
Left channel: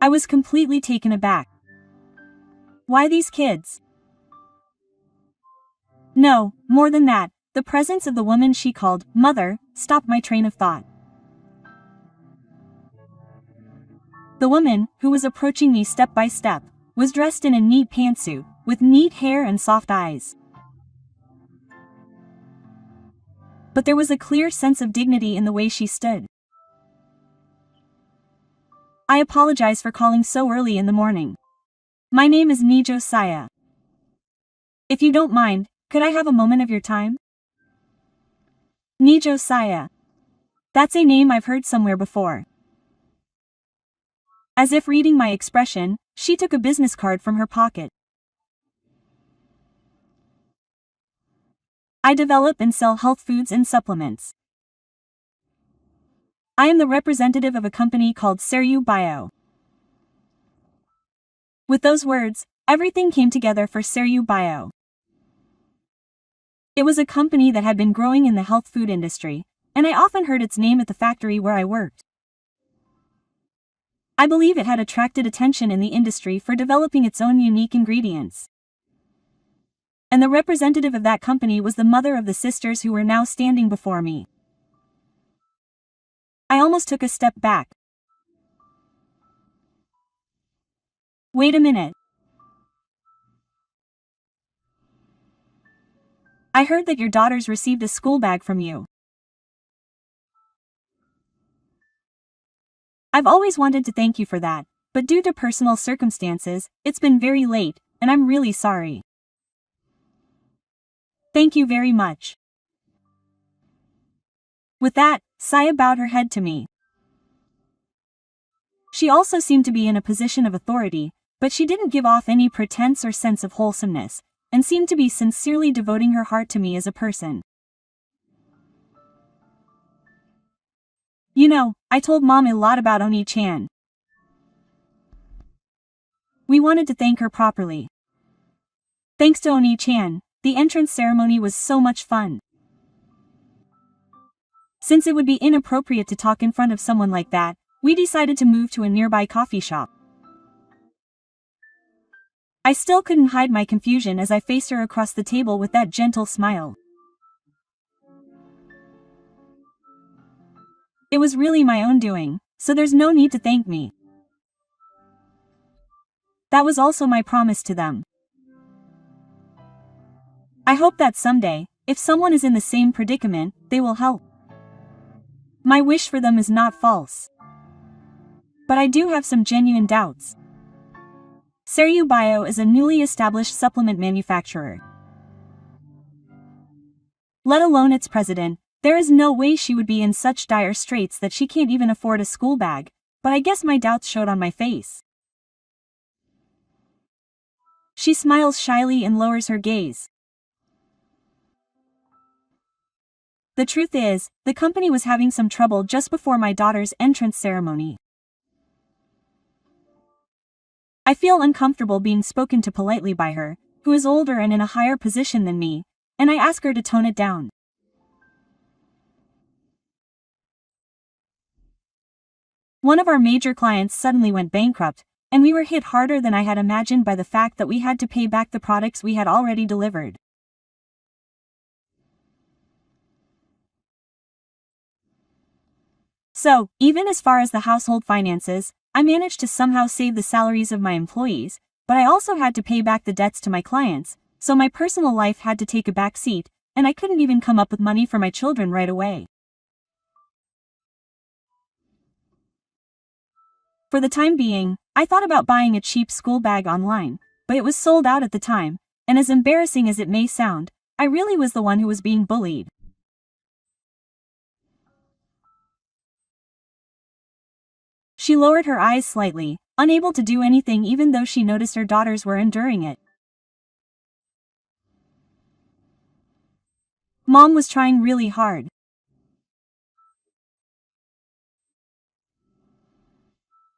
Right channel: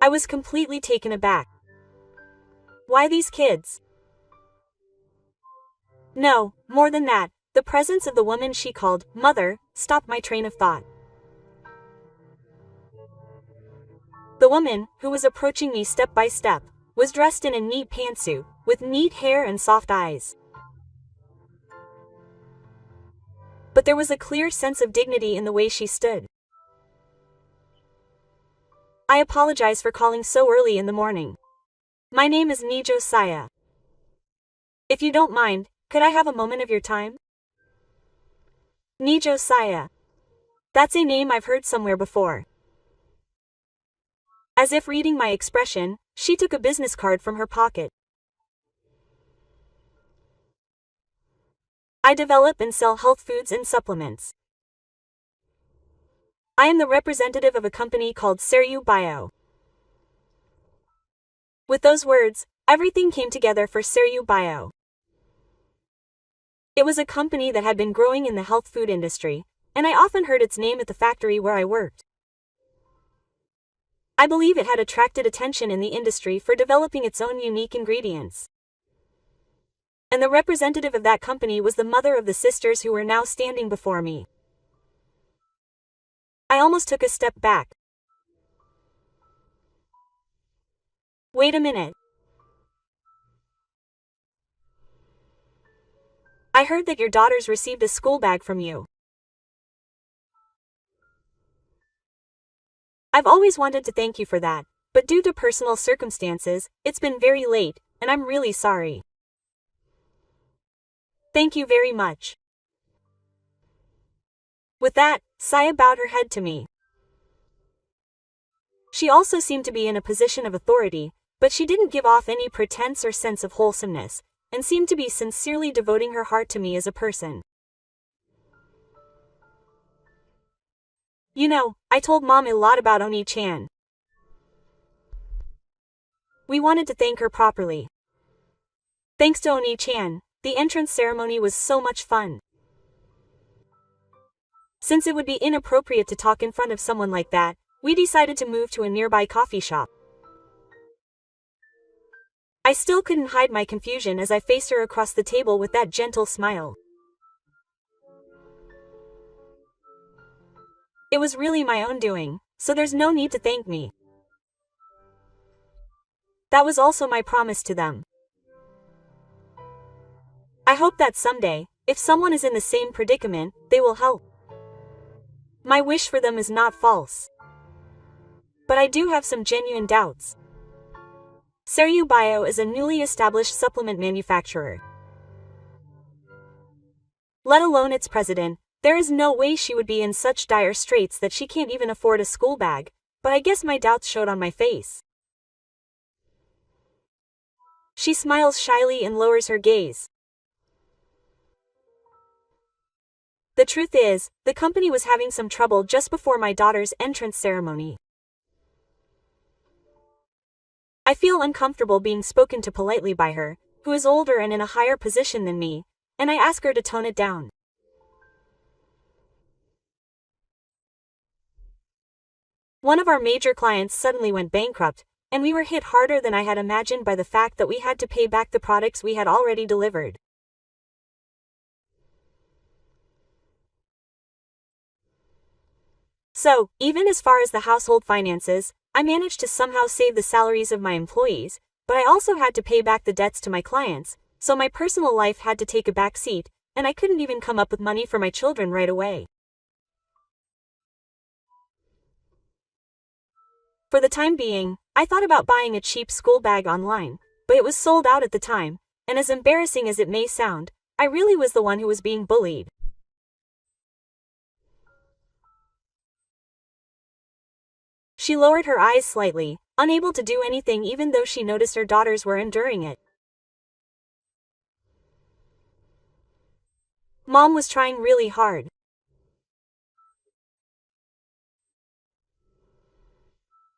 I was completely taken aback. Why these kids? No, more than that, the presence of the woman she called mother stopped my train of thought. The woman, who was approaching me step by step, was dressed in a neat pantsuit, with neat hair and soft eyes. But there was a clear sense of dignity in the way she stood. I apologize for calling so early in the morning. My name is Nijo Saya. If you don't mind, could I have a moment of your time? Nijo Saya. That's a name I've heard somewhere before. As if reading my expression, she took a business card from her pocket. I develop and sell health foods and supplements. I am the representative of a company called Seryu Bio. With those words, everything came together for Seryu Bio. It was a company that had been growing in the health food industry, and I often heard its name at the factory where I worked. I believe it had attracted attention in the industry for developing its own unique ingredients. And the representative of that company was the mother of the sisters who were now standing before me. I almost took a step back. Wait a minute. I heard that your daughters received a school bag from you. I've always wanted to thank you for that, but due to personal circumstances, it's been very late, and I'm really sorry. Thank you very much. With that, Saya bowed her head to me. She also seemed to be in a position of authority, but she didn't give off any pretense or sense of wholesomeness, and seemed to be sincerely devoting her heart to me as a person. You know, I told Mom a lot about Oni-chan. We wanted to thank her properly. Thanks to Oni-chan, the entrance ceremony was so much fun. Since it would be inappropriate to talk in front of someone like that, we decided to move to a nearby coffee shop. I still couldn't hide my confusion as I faced her across the table with that gentle smile. It was really my own doing, so there's no need to thank me. That was also my promise to them. I hope that someday, if someone is in the same predicament, they will help. My wish for them is not false. But I do have some genuine doubts. Seryu Bio is a newly established supplement manufacturer. Let alone its president, there is no way she would be in such dire straits that she can't even afford a school bag, but I guess my doubts showed on my face. She smiles shyly and lowers her gaze. The truth is, the company was having some trouble just before my daughter's entrance ceremony. I feel uncomfortable being spoken to politely by her, who is older and in a higher position than me, and I ask her to tone it down. One of our major clients suddenly went bankrupt, and we were hit harder than I had imagined by the fact that we had to pay back the products we had already delivered. So, even as far as the household finances, I managed to somehow save the salaries of my employees, but I also had to pay back the debts to my clients, so my personal life had to take a back seat, and I couldn't even come up with money for my children right away. For the time being, I thought about buying a cheap school bag online, but it was sold out at the time, and as embarrassing as it may sound, I really was the one who was being bullied. She lowered her eyes slightly, unable to do anything even though she noticed her daughters were enduring it. Mom was trying really hard.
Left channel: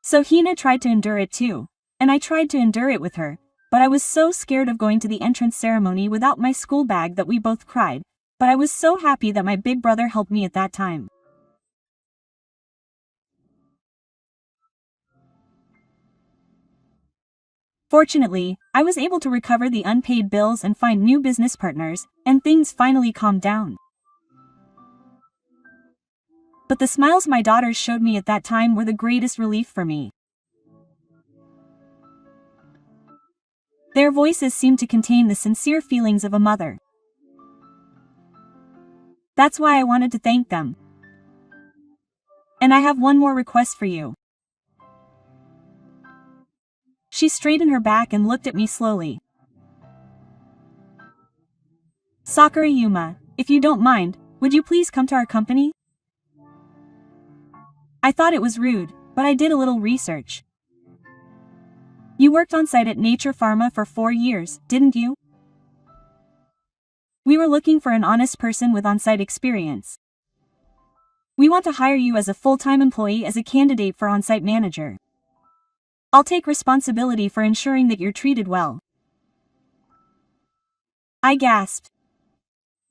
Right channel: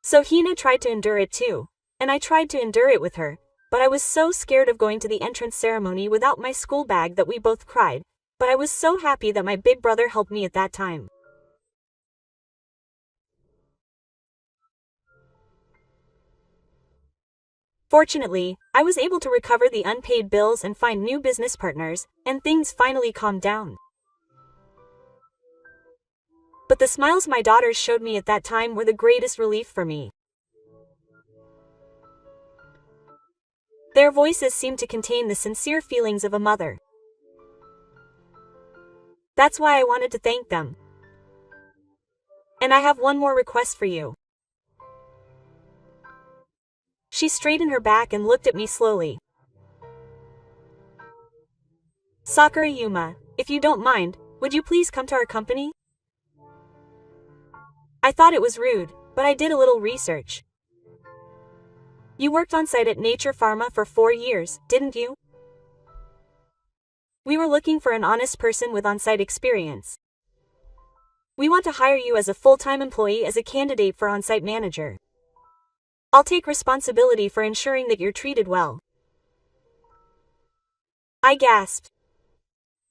So Hina tried to endure it too, and I tried to endure it with her, but I was so scared of going to the entrance ceremony without my school bag that we both cried, but I was so happy that my big brother helped me at that time. Fortunately, I was able to recover the unpaid bills and find new business partners, and things finally calmed down. But the smiles my daughters showed me at that time were the greatest relief for me. Their voices seemed to contain the sincere feelings of a mother. That's why I wanted to thank them. And I have one more request for you. She straightened her back and looked at me slowly. Sakura Yuma, if you don't mind, would you please come to our company? I thought it was rude, but I did a little research. You worked on site at Nature Pharma for 4 years, didn't you? We were looking for an honest person with on-site experience. We want to hire you as a full-time employee as a candidate for on-site manager. I'll take responsibility for ensuring that you're treated well. I gasped.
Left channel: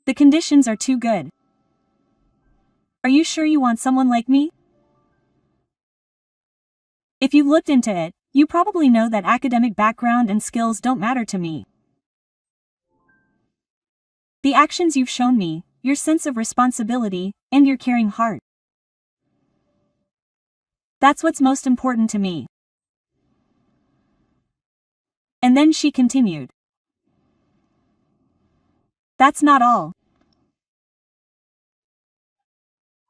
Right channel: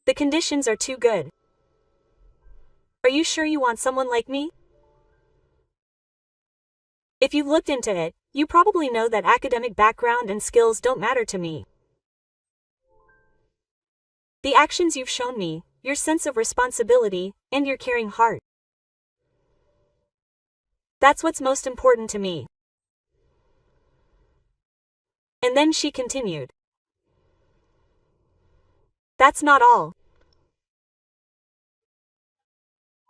The conditions are too good. Are you sure you want someone like me? If you've looked into it, you probably know that academic background and skills don't matter to me. The actions you've shown me, your sense of responsibility, and your caring heart. That's what's most important to me. And then she continued. That's not all.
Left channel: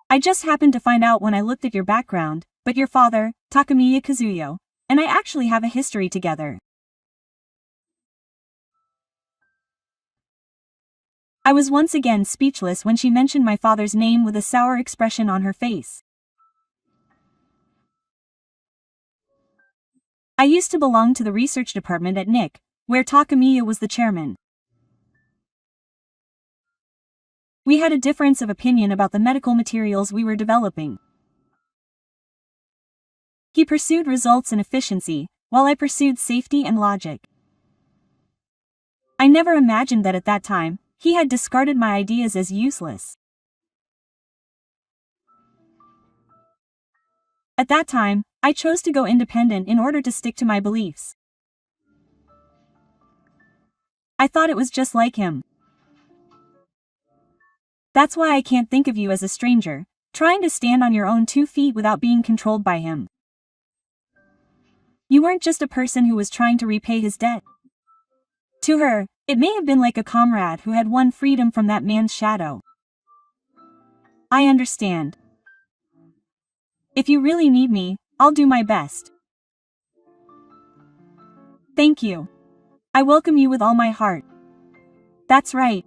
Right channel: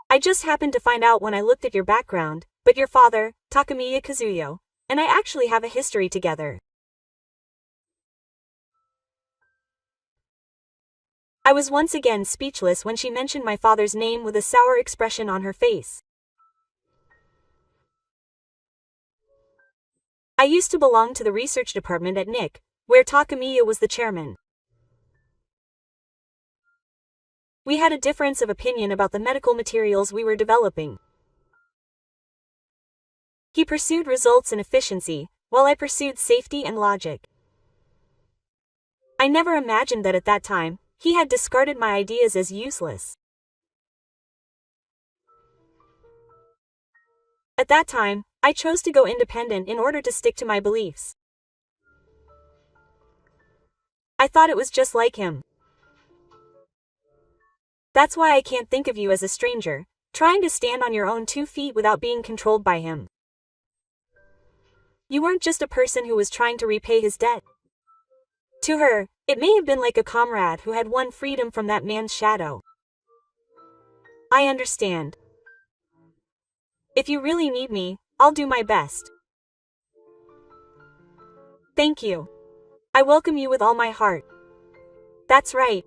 I just happened to find out when I looked at your background, but your father, Takamiya Kazuyo, and I actually have a history together. I was once again speechless when she mentioned my father's name with a sour expression on her face. I used to belong to the research department at NIC, where Takamiya was the chairman. We had a difference of opinion about the medical materials we were developing. He pursued results and efficiency, while I pursued safety and logic. I never imagined that at that time, he had discarded my ideas as useless. At that time, I chose to go independent in order to stick to my beliefs. I thought it was just like him. That's why I can't think of you as a stranger, trying to stand on your own 2 feet without being controlled by him. You weren't just a person who was trying to repay his debt. To her, it may have been like a comrade who had won freedom from that man's shadow. I understand. If you really need me, I'll do my best. Thank you. I welcome you with all my heart. That's right.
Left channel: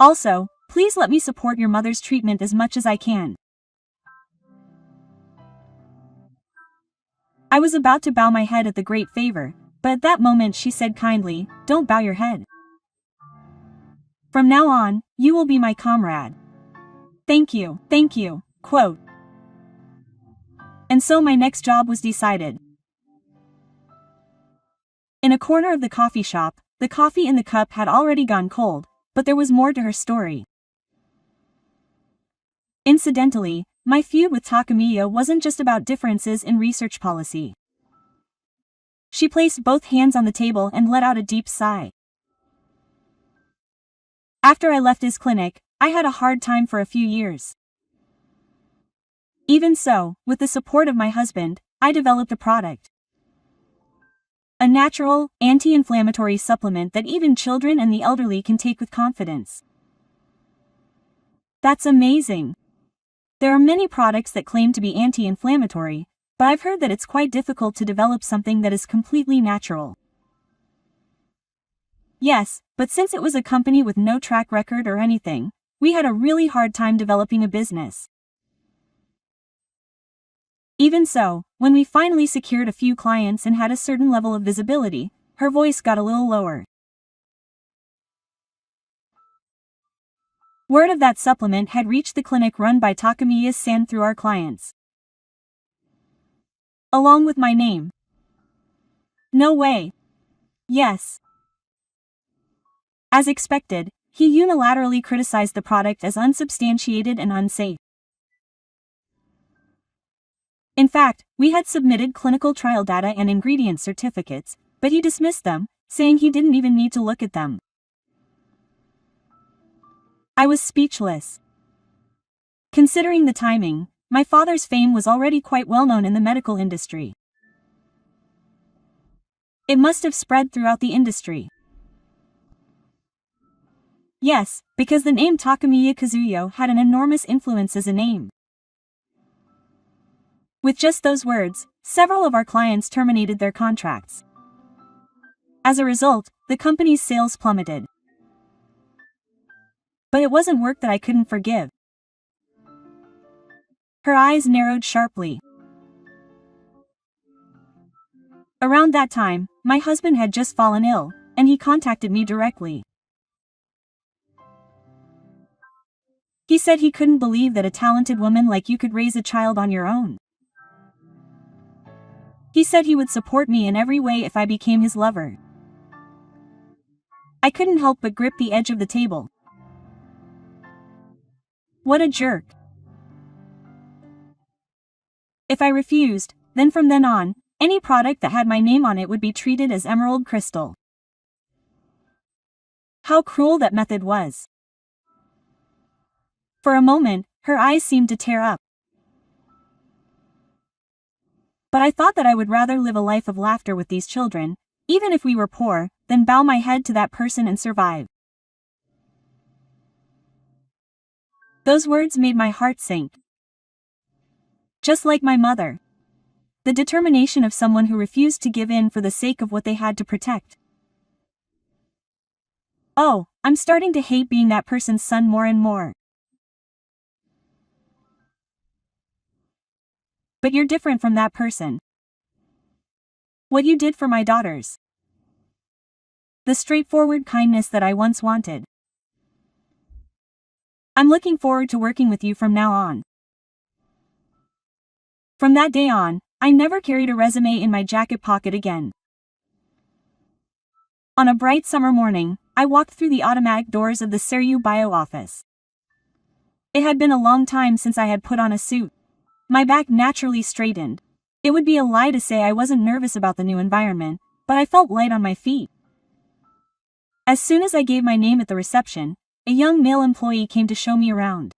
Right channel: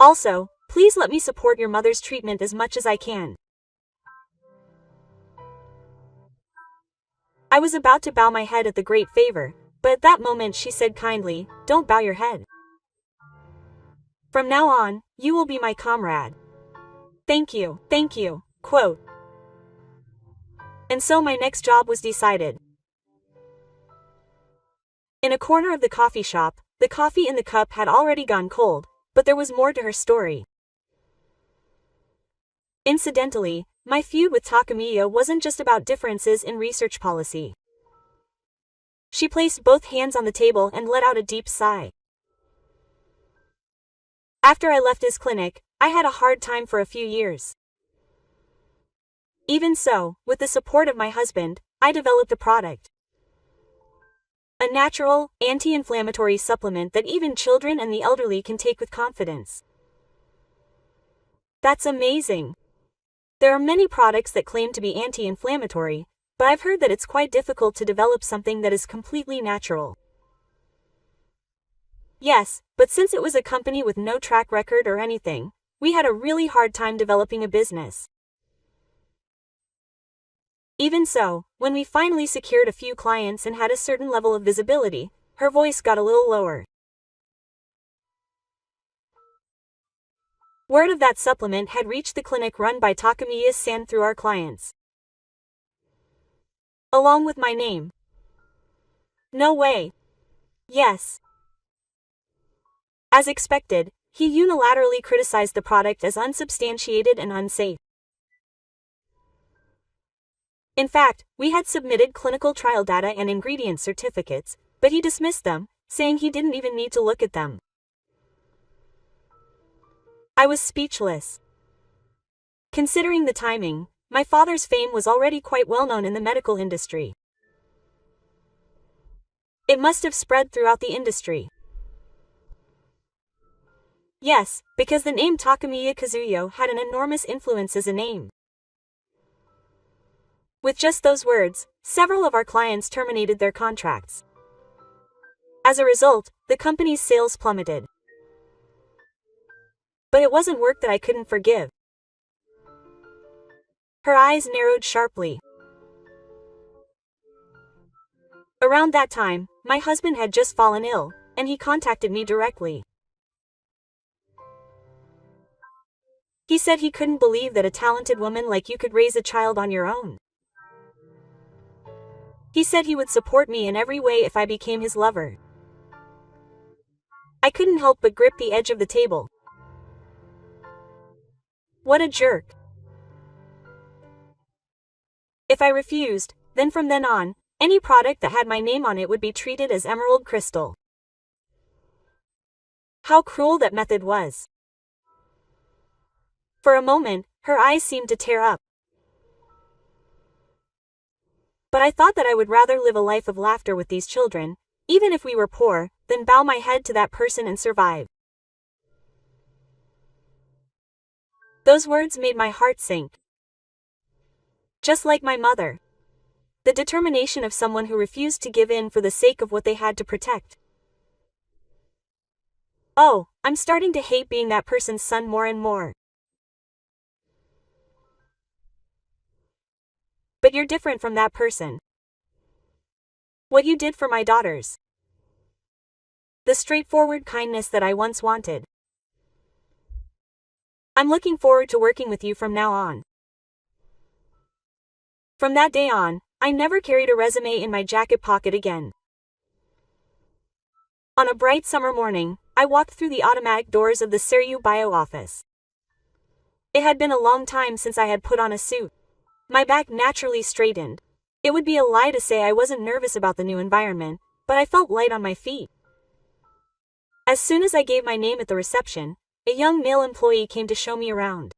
Also, please let me support your mother's treatment as much as I can. I was about to bow my head at the great favor, but at that moment she said kindly, "Don't bow your head. From now on, you will be my comrade." Thank you, quote. And so my next job was decided. In a corner of the coffee shop, the coffee in the cup had already gone cold, but there was more to her story. Incidentally, my feud with Takamiya wasn't just about differences in research policy. She placed both hands on the table and let out a deep sigh. After I left his clinic, I had a hard time for a few years. Even so, with the support of my husband, I developed a product. A natural, anti-inflammatory supplement that even children and the elderly can take with confidence. That's amazing. There are many products that claim to be anti-inflammatory, but I've heard that it's quite difficult to develop something that is completely natural. Yes, but since it was a company with no track record or anything, we had a really hard time developing a business. Even so, when we finally secured a few clients and had a certain level of visibility, her voice got a little lower. Word of that supplement had reached the clinic run by Takamiya-san through our clients. Along with my name. No way. Yes. As expected, he unilaterally criticized the product as unsubstantiated and unsafe. In fact, we had submitted clinical trial data and ingredient certificates, but he dismissed them, saying he didn't even need to look at them. I was speechless. Considering the timing, my father's fame was already quite well known in the medical industry. It must have spread throughout the industry. Yes, because the name Takamiya Kazuyo had an enormous influence as a name. With just those words, several of our clients terminated their contracts. As a result, the company's sales plummeted. But it wasn't work that I couldn't forgive. Her eyes narrowed sharply. Around that time, my husband had just fallen ill, and he contacted me directly. He said he couldn't believe that a talented woman like you could raise a child on your own. He said he would support me in every way if I became his lover. I couldn't help but grip the edge of the table. What a jerk. If I refused, Then from then on, any product that had my name on it would be treated as emerald crystal. How cruel that method was. For a moment, her eyes seemed to tear up. But I thought that I would rather live a life of laughter with these children, even if we were poor, than bow my head to that person and survive. Those words made my heart sink. Just like my mother. The determination of someone who refused to give in for the sake of what they had to protect. Oh, I'm starting to hate being that person's son more and more. But you're different from that person. What you did for my daughters. The straightforward kindness that I once wanted. I'm looking forward to working with you from now on. From that day on, I never carried a resume in my jacket pocket again. On a bright summer morning, I walked through the automatic doors of the Seru Bio office. It had been a long time since I had put on a suit. My back naturally straightened. It would be a lie to say I wasn't nervous about the new environment, but I felt light on my feet. As soon as I gave my name at the reception, a young male employee came to show me around.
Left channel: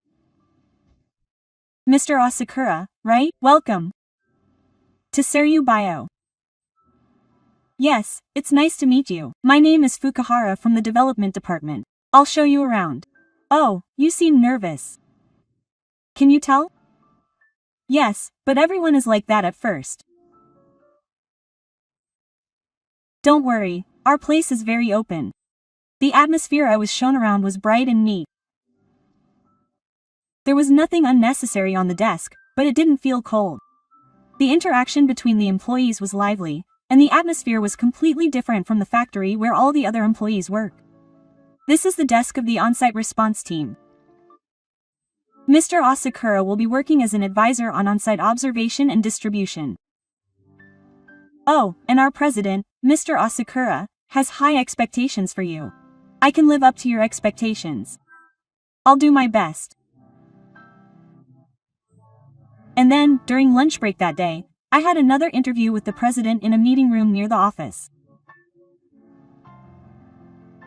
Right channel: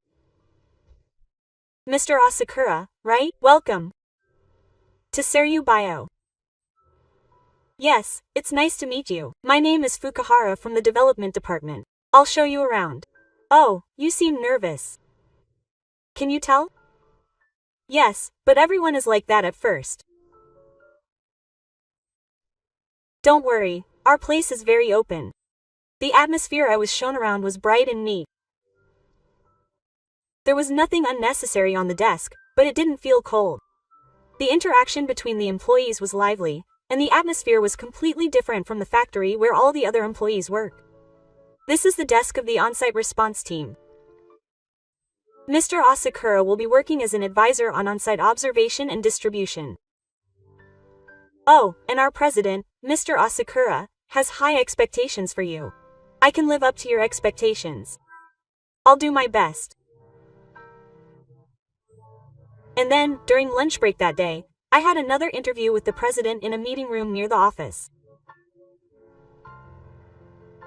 Mr. Asakura, right? Welcome to Seru Bio. Yes, it's nice to meet you. My name is Fukuhara from the development department. I'll show you around. Oh, you seem nervous. Can you tell? Yes, but everyone is like that at first. Don't worry, our place is very open. The atmosphere I was shown around was bright and neat. There was nothing unnecessary on the desk, but it didn't feel cold. The interaction between the employees was lively, and the atmosphere was completely different from the factory where all the other employees work. This is the desk of the on-site response team. Mr. Asakura will be working as an advisor on on-site observation and distribution. Oh, and our president, Mr. Asakura, has high expectations for you. I can live up to your expectations. I'll do my best. And then, during lunch break that day, I had another interview with the president in a meeting room near the office.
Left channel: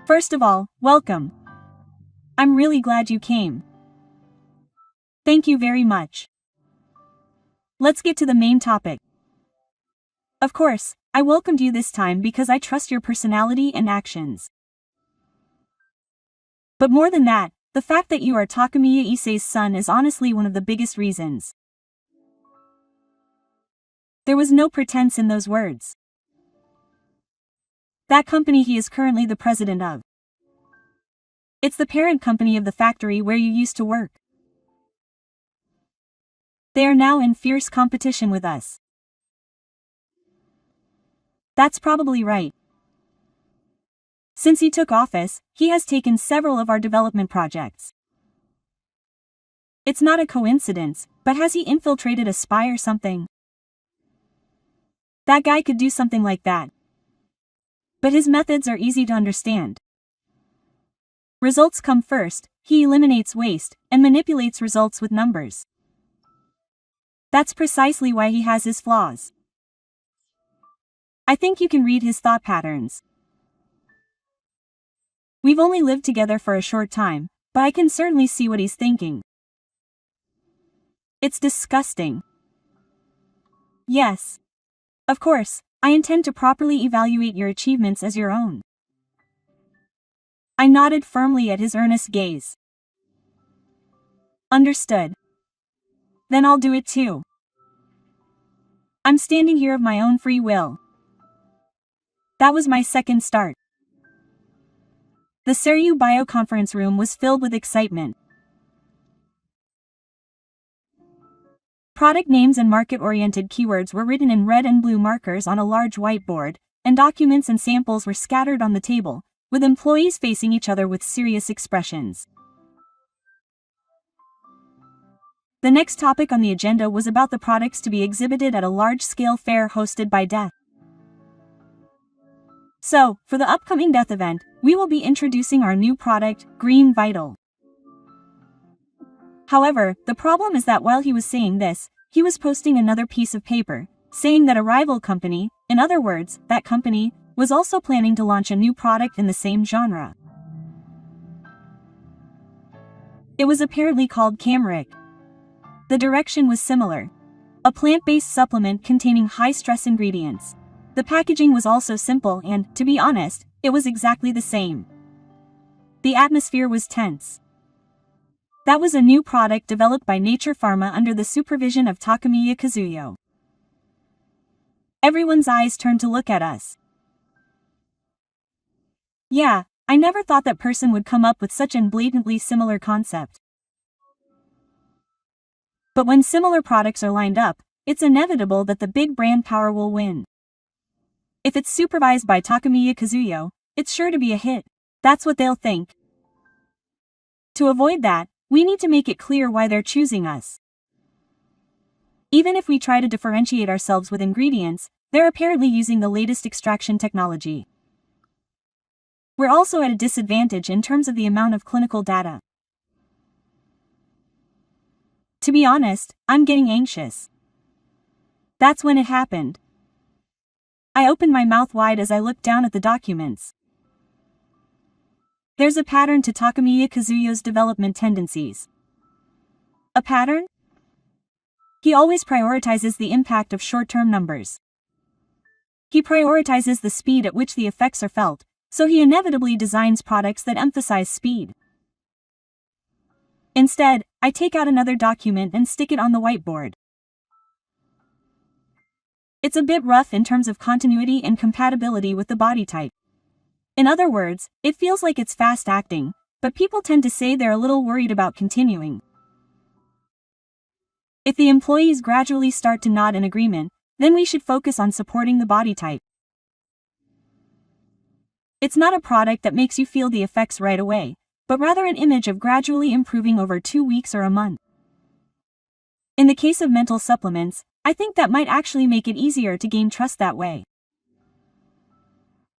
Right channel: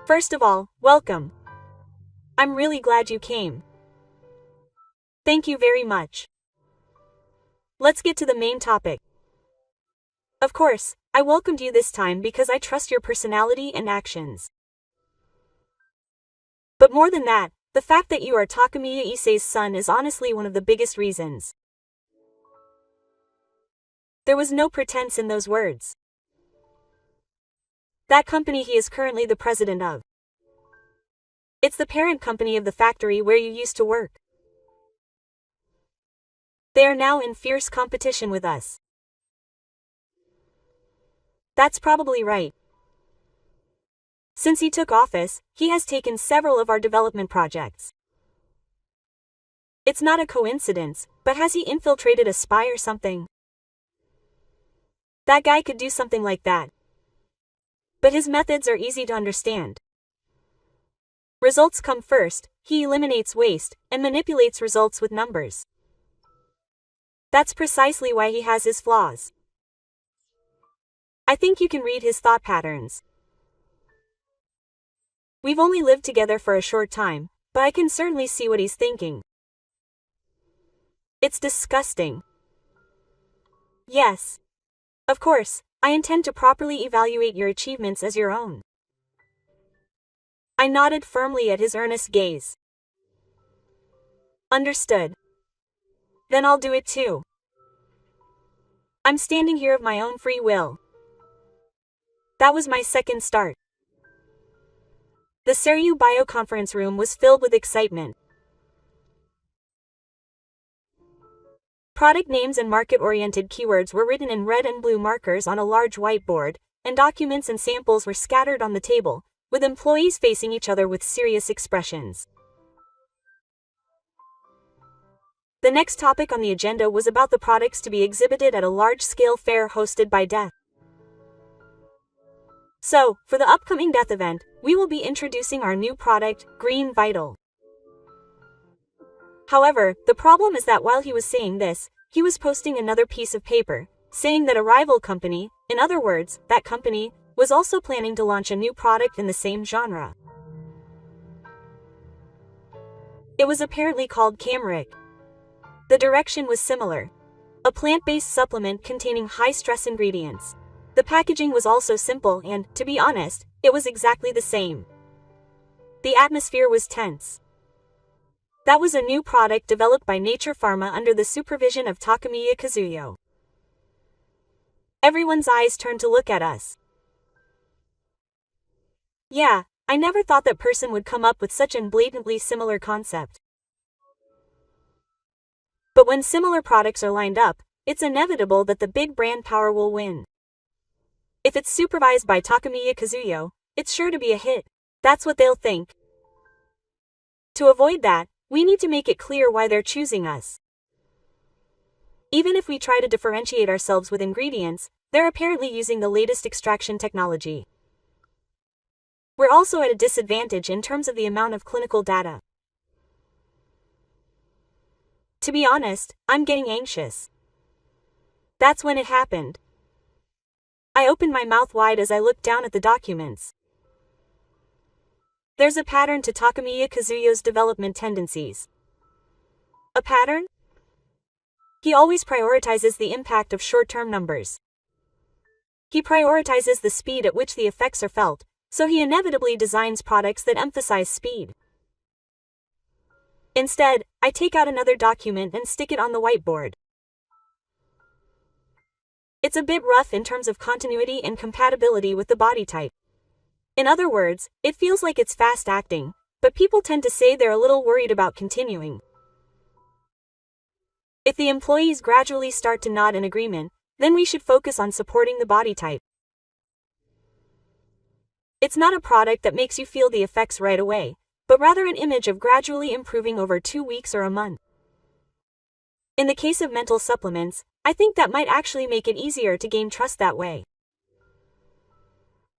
First of all, welcome. I'm really glad you came. Thank you very much. Let's get to the main topic. Of course, I welcomed you this time because I trust your personality and actions. But more than that, the fact that you are Takamiya Issei's son is honestly one of the biggest reasons. There was no pretense in those words. That company he is currently the president of. It's the parent company of the factory where you used to work. They are now in fierce competition with us. That's probably right. Since he took office, he has taken several of our development projects. It's not a coincidence, but has he infiltrated a spy or something? That guy could do something like that. But his methods are easy to understand. Results come first, he eliminates waste, and manipulates results with numbers. That's precisely why he has his flaws. I think you can read his thought patterns. We've only lived together for a short time, but I can certainly see what he's thinking. It's disgusting. Yes. Of course, I intend to properly evaluate your achievements as your own. I nodded firmly at his earnest gaze. Understood. Then I'll do it too. I'm standing here of my own free will. That was my second start. The Seru Bio conference room was filled with excitement. Product names and market-oriented keywords were written in red and blue markers on a large whiteboard, and documents and samples were scattered on the table, with employees facing each other with serious expressions. The next topic on the agenda was about the products to be exhibited at a large-scale fair hosted by Death. So, for the upcoming Death event, we will be introducing our new product, Green Vital. However, the problem is that while he was saying this, he was posting another piece of paper, saying that a rival company, in other words, that company, was also planning to launch a new product in the same genre. It was apparently called Camric. The direction was similar. A plant-based supplement containing high-stress ingredients. The packaging was also simple and, to be honest, it was exactly the same. The atmosphere was tense. That was a new product developed by Nature Pharma under the supervision of Takamiya Kazuyo. Everyone's eyes turned to look at us. Yeah, I never thought that person would come up with such an blatantly similar concept. But when similar products are lined up, it's inevitable that the big brand power will win. If it's supervised by Takamiya Kazuyo, it's sure to be a hit. That's what they'll think. To avoid that, we need to make it clear why they're choosing us. Even if we try to differentiate ourselves with ingredients, they're apparently using the latest extraction technology. We're also at a disadvantage in terms of the amount of clinical data. To be honest, I'm getting anxious. That's when it happened. I opened my mouth wide as I looked down at the documents. There's a pattern to Takamiya Kazuyo's development tendencies. A pattern? He always prioritizes the impact of short-term numbers. He prioritizes the speed at which the effects are felt, so he inevitably designs products that emphasize speed. Instead, I take out another document and stick it on the whiteboard. It's a bit rough in terms of continuity and compatibility with the body type. In other words, it feels like it's fast-acting, but people tend to say they're a little worried about continuing. If the employees gradually start to nod in agreement, then we should focus on supporting the body type. It's not a product that makes you feel the effects right away, but rather an image of gradually improving over 2 weeks or a month. In the case of mental supplements, I think that might actually make it easier to gain trust that way.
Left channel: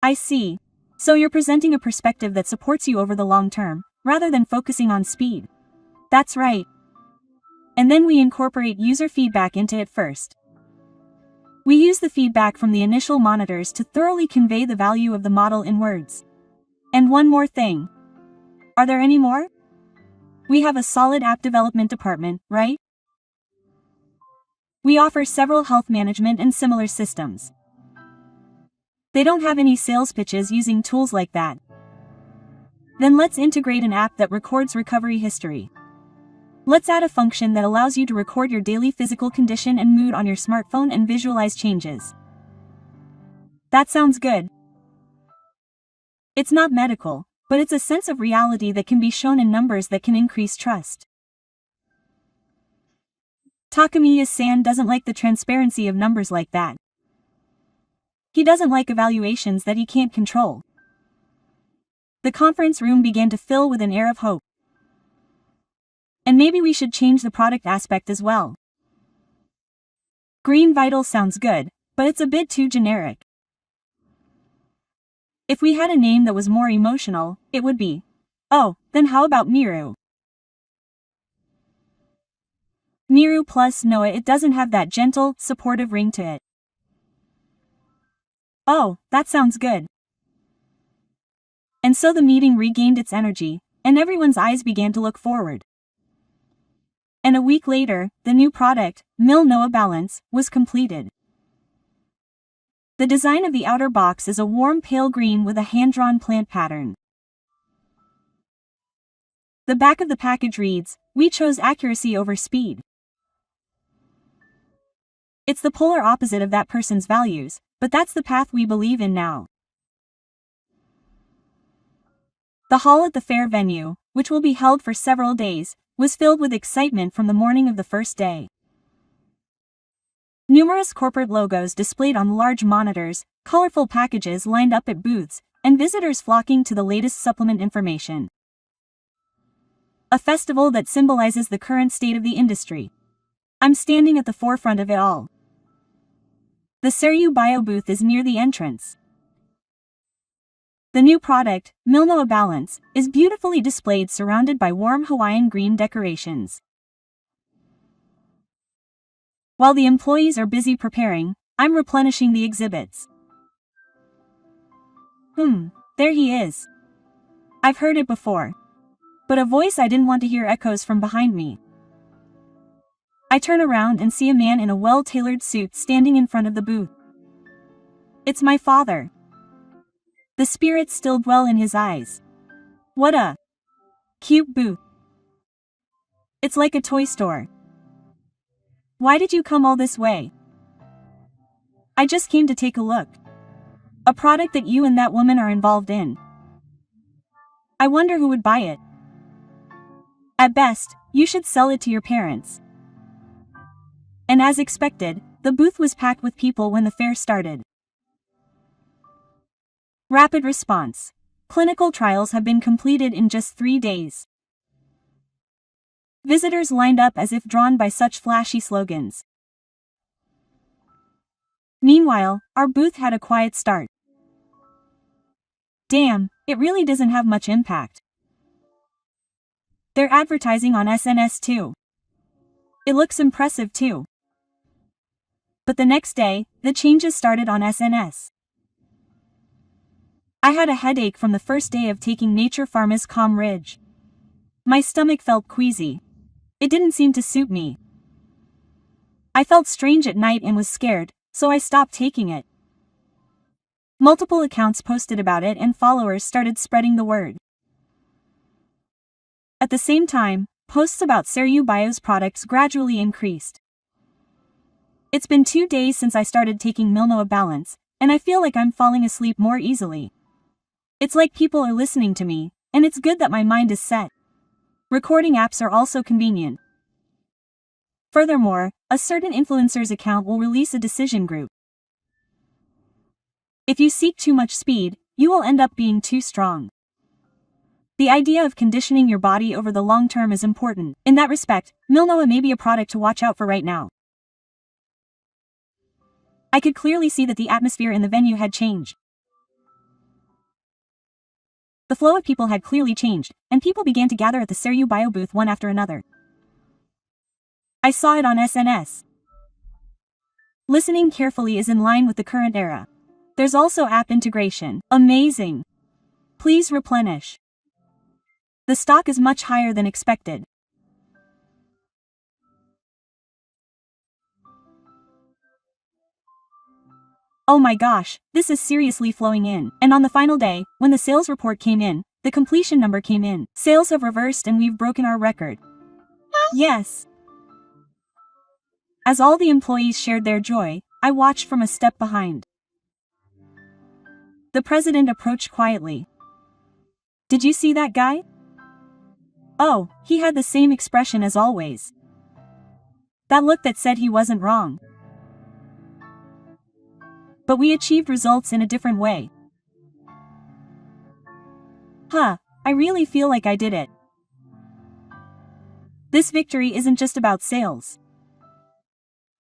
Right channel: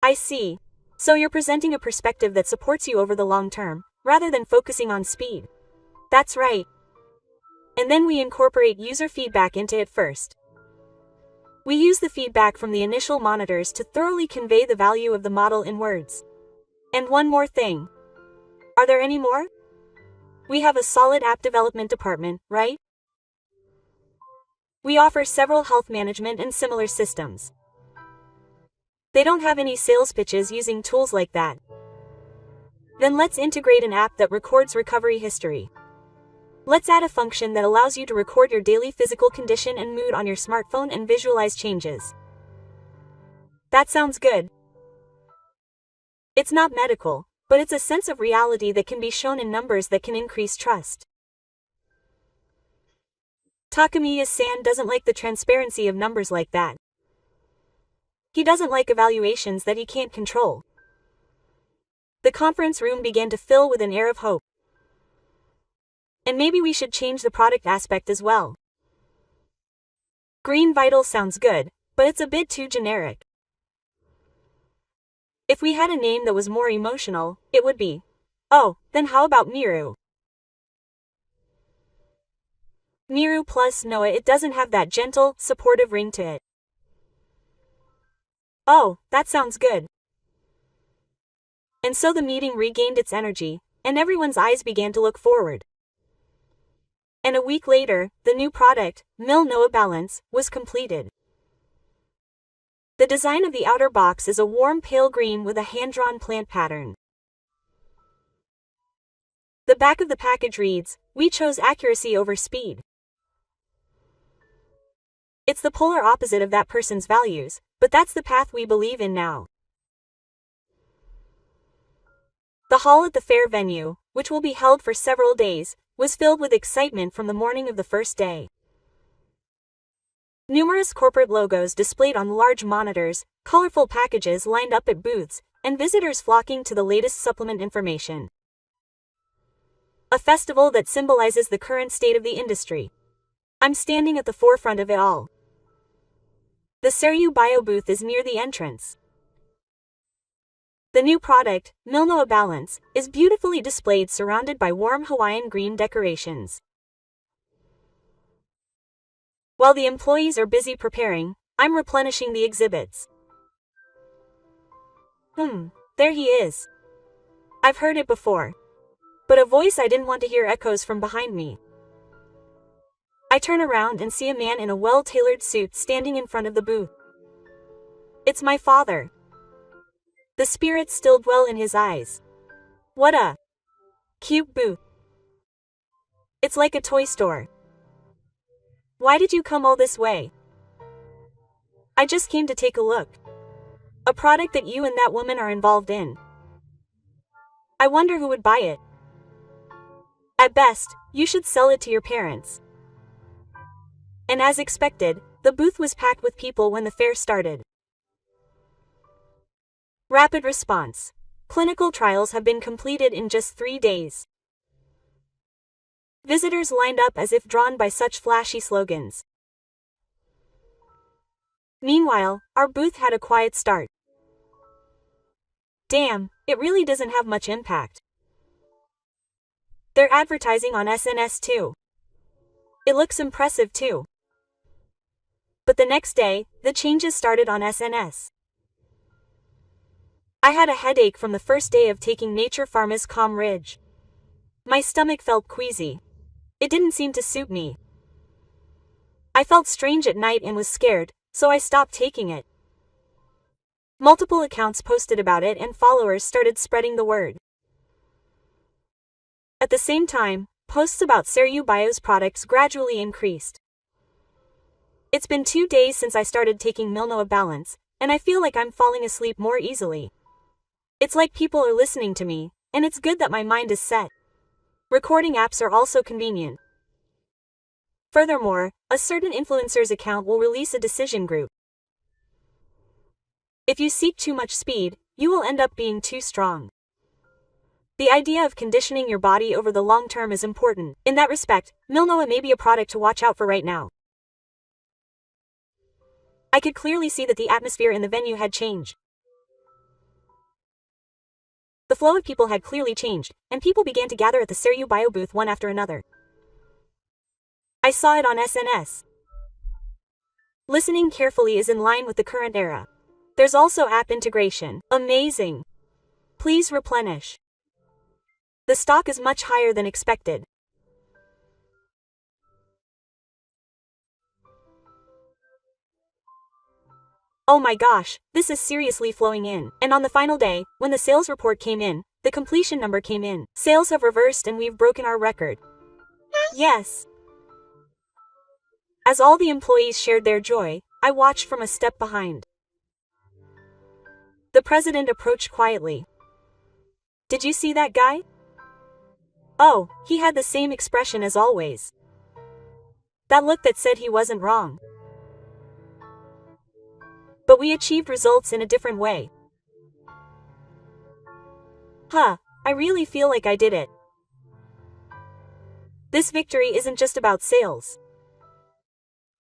I see. So you're presenting a perspective that supports you over the long term, rather than focusing on speed. That's right. And then we incorporate user feedback into it first. We use the feedback from the initial monitors to thoroughly convey the value of the model in words. And one more thing. Are there any more? We have a solid app development department, right? We offer several health management and similar systems. They don't have any sales pitches using tools like that. Then let's integrate an app that records recovery history. Let's add a function that allows you to record your daily physical condition and mood on your smartphone and visualize changes. That sounds good. It's not medical, but it's a sense of reality that can be shown in numbers that can increase trust. Takamiya-san doesn't like the transparency of numbers like that. He doesn't like evaluations that he can't control. The conference room began to fill with an air of hope. And maybe we should change the product aspect as well. Green Vital sounds good, but it's a bit too generic. If we had a name that was more emotional, it would be. Oh, then how about Miru? Miru plus Noah. It doesn't have that gentle, supportive ring to it. Oh, that sounds good. And so the meeting regained its energy, and everyone's eyes began to look forward. And a week later, the new product, Noah Balance, was completed. The design of the outer box is a warm pale green with a hand-drawn plant pattern. The back of the package reads, "We chose accuracy over speed." It's the polar opposite of that person's values, but that's the path we believe in now. The hall at the fair venue, which will be held for several days, was filled with excitement from the morning of the first day. Numerous corporate logos displayed on large monitors, colorful packages lined up at booths, and visitors flocking to the latest supplement information. A festival that symbolizes the current state of the industry. I'm standing at the forefront of it all. The Seryu Bio booth is near the entrance. The new product, Noah Balance, is beautifully displayed surrounded by warm Hawaiian green decorations. While the employees are busy preparing, I'm replenishing the exhibits. There he is. I've heard it before. But a voice I didn't want to hear echoes from behind me. I turn around and see a man in a well-tailored suit standing in front of the booth. It's my father. The spirits still dwell in his eyes. What a cute booth. It's like a toy store. Why did you come all this way? I just came to take a look. A product that you and that woman are involved in. I wonder who would buy it. At best, you should sell it to your parents. And as expected, the booth was packed with people when the fair started. Rapid response. Clinical trials have been completed in just 3 days. Visitors lined up as if drawn by such flashy slogans. Meanwhile, our booth had a quiet start. Damn, it really doesn't have much impact. They're advertising on SNS too. It looks impressive too. But the next day, the changes started on SNS. I had a headache from the first day of taking Nature Pharma's Calm Ridge. My stomach felt queasy. It didn't seem to suit me. I felt strange at night and was scared, so I stopped taking it. Multiple accounts posted about it and followers started spreading the word. At the same time, posts about Seru Bio's products gradually increased. It's been 2 days since I started taking Milnoa Balance, and I feel like I'm falling asleep more easily. It's like people are listening to me, and it's good that my mind is set. Recording apps are also convenient. Furthermore, a certain influencer's account will release a decision group. If you seek too much speed, you will end up being too strong. The idea of conditioning your body over the long term is important. In that respect, Milnoa may be a product to watch out for right now. I could clearly see that the atmosphere in the venue had changed. The flow of people had clearly changed, and people began to gather at the Seru Bio booth one after another. I saw it on SNS. Listening carefully is in line with the current era. There's also app integration. Amazing. Please replenish. The stock is much higher than expected. Oh my gosh, this is seriously flowing in. And on the final day, when the sales report came in, the completion number came in. Sales have reversed and we've broken our record. Yes. As all the employees shared their joy, I watched from a step behind. The president approached quietly. Did you see that guy? Oh, he had the same expression as always. That look that said he wasn't wrong. But we achieved results in a different way. I really feel like I did it. This victory isn't just about sales.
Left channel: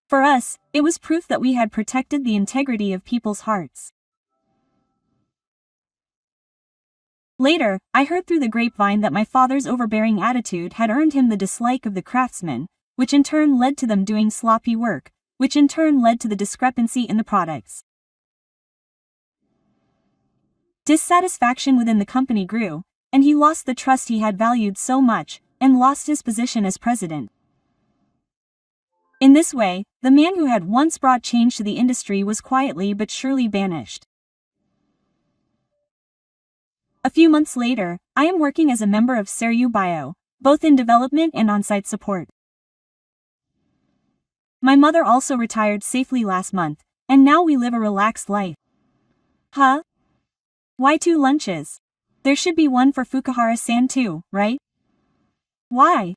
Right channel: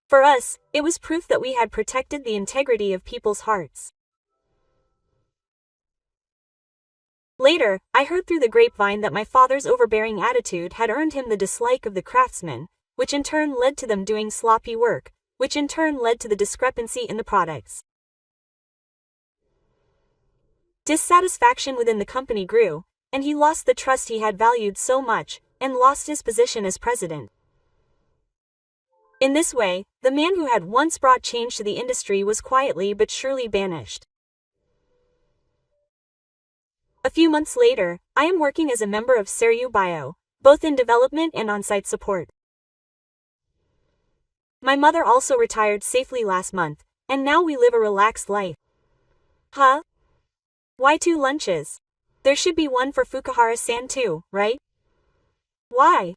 For us, it was proof that we had protected the integrity of people's hearts. Later, I heard through the grapevine that my father's overbearing attitude had earned him the dislike of the craftsmen, which in turn led to them doing sloppy work, which in turn led to the discrepancy in the products. Dissatisfaction within the company grew, and he lost the trust he had valued so much, and lost his position as president. In this way, the man who had once brought change to the industry was quietly but surely banished. A few months later, I am working as a member of Seru Bio, both in development and on-site support. My mother also retired safely last month, and now we live a relaxed life. Why 2 lunches? There should be one for Fukuhara-san too, right? Why?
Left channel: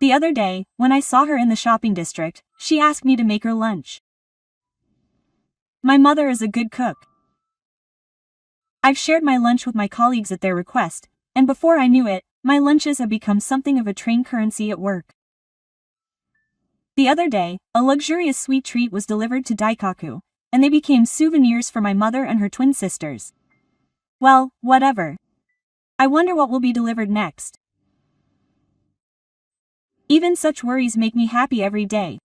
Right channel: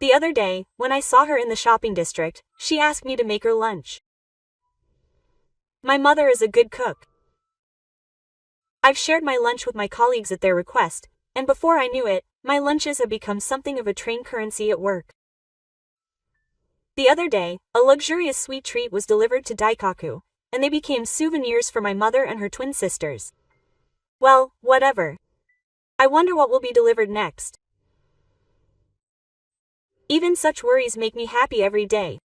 The other day, when I saw her in the shopping district, she asked me to make her lunch. My mother is a good cook. I've shared my lunch with my colleagues at their request, and before I knew it, my lunches have become something of a train currency at work. The other day, a luxurious sweet treat was delivered to Daikaku, and they became souvenirs for my mother and her twin sisters. Well, whatever. I wonder what will be delivered next. Even such worries make me happy every day.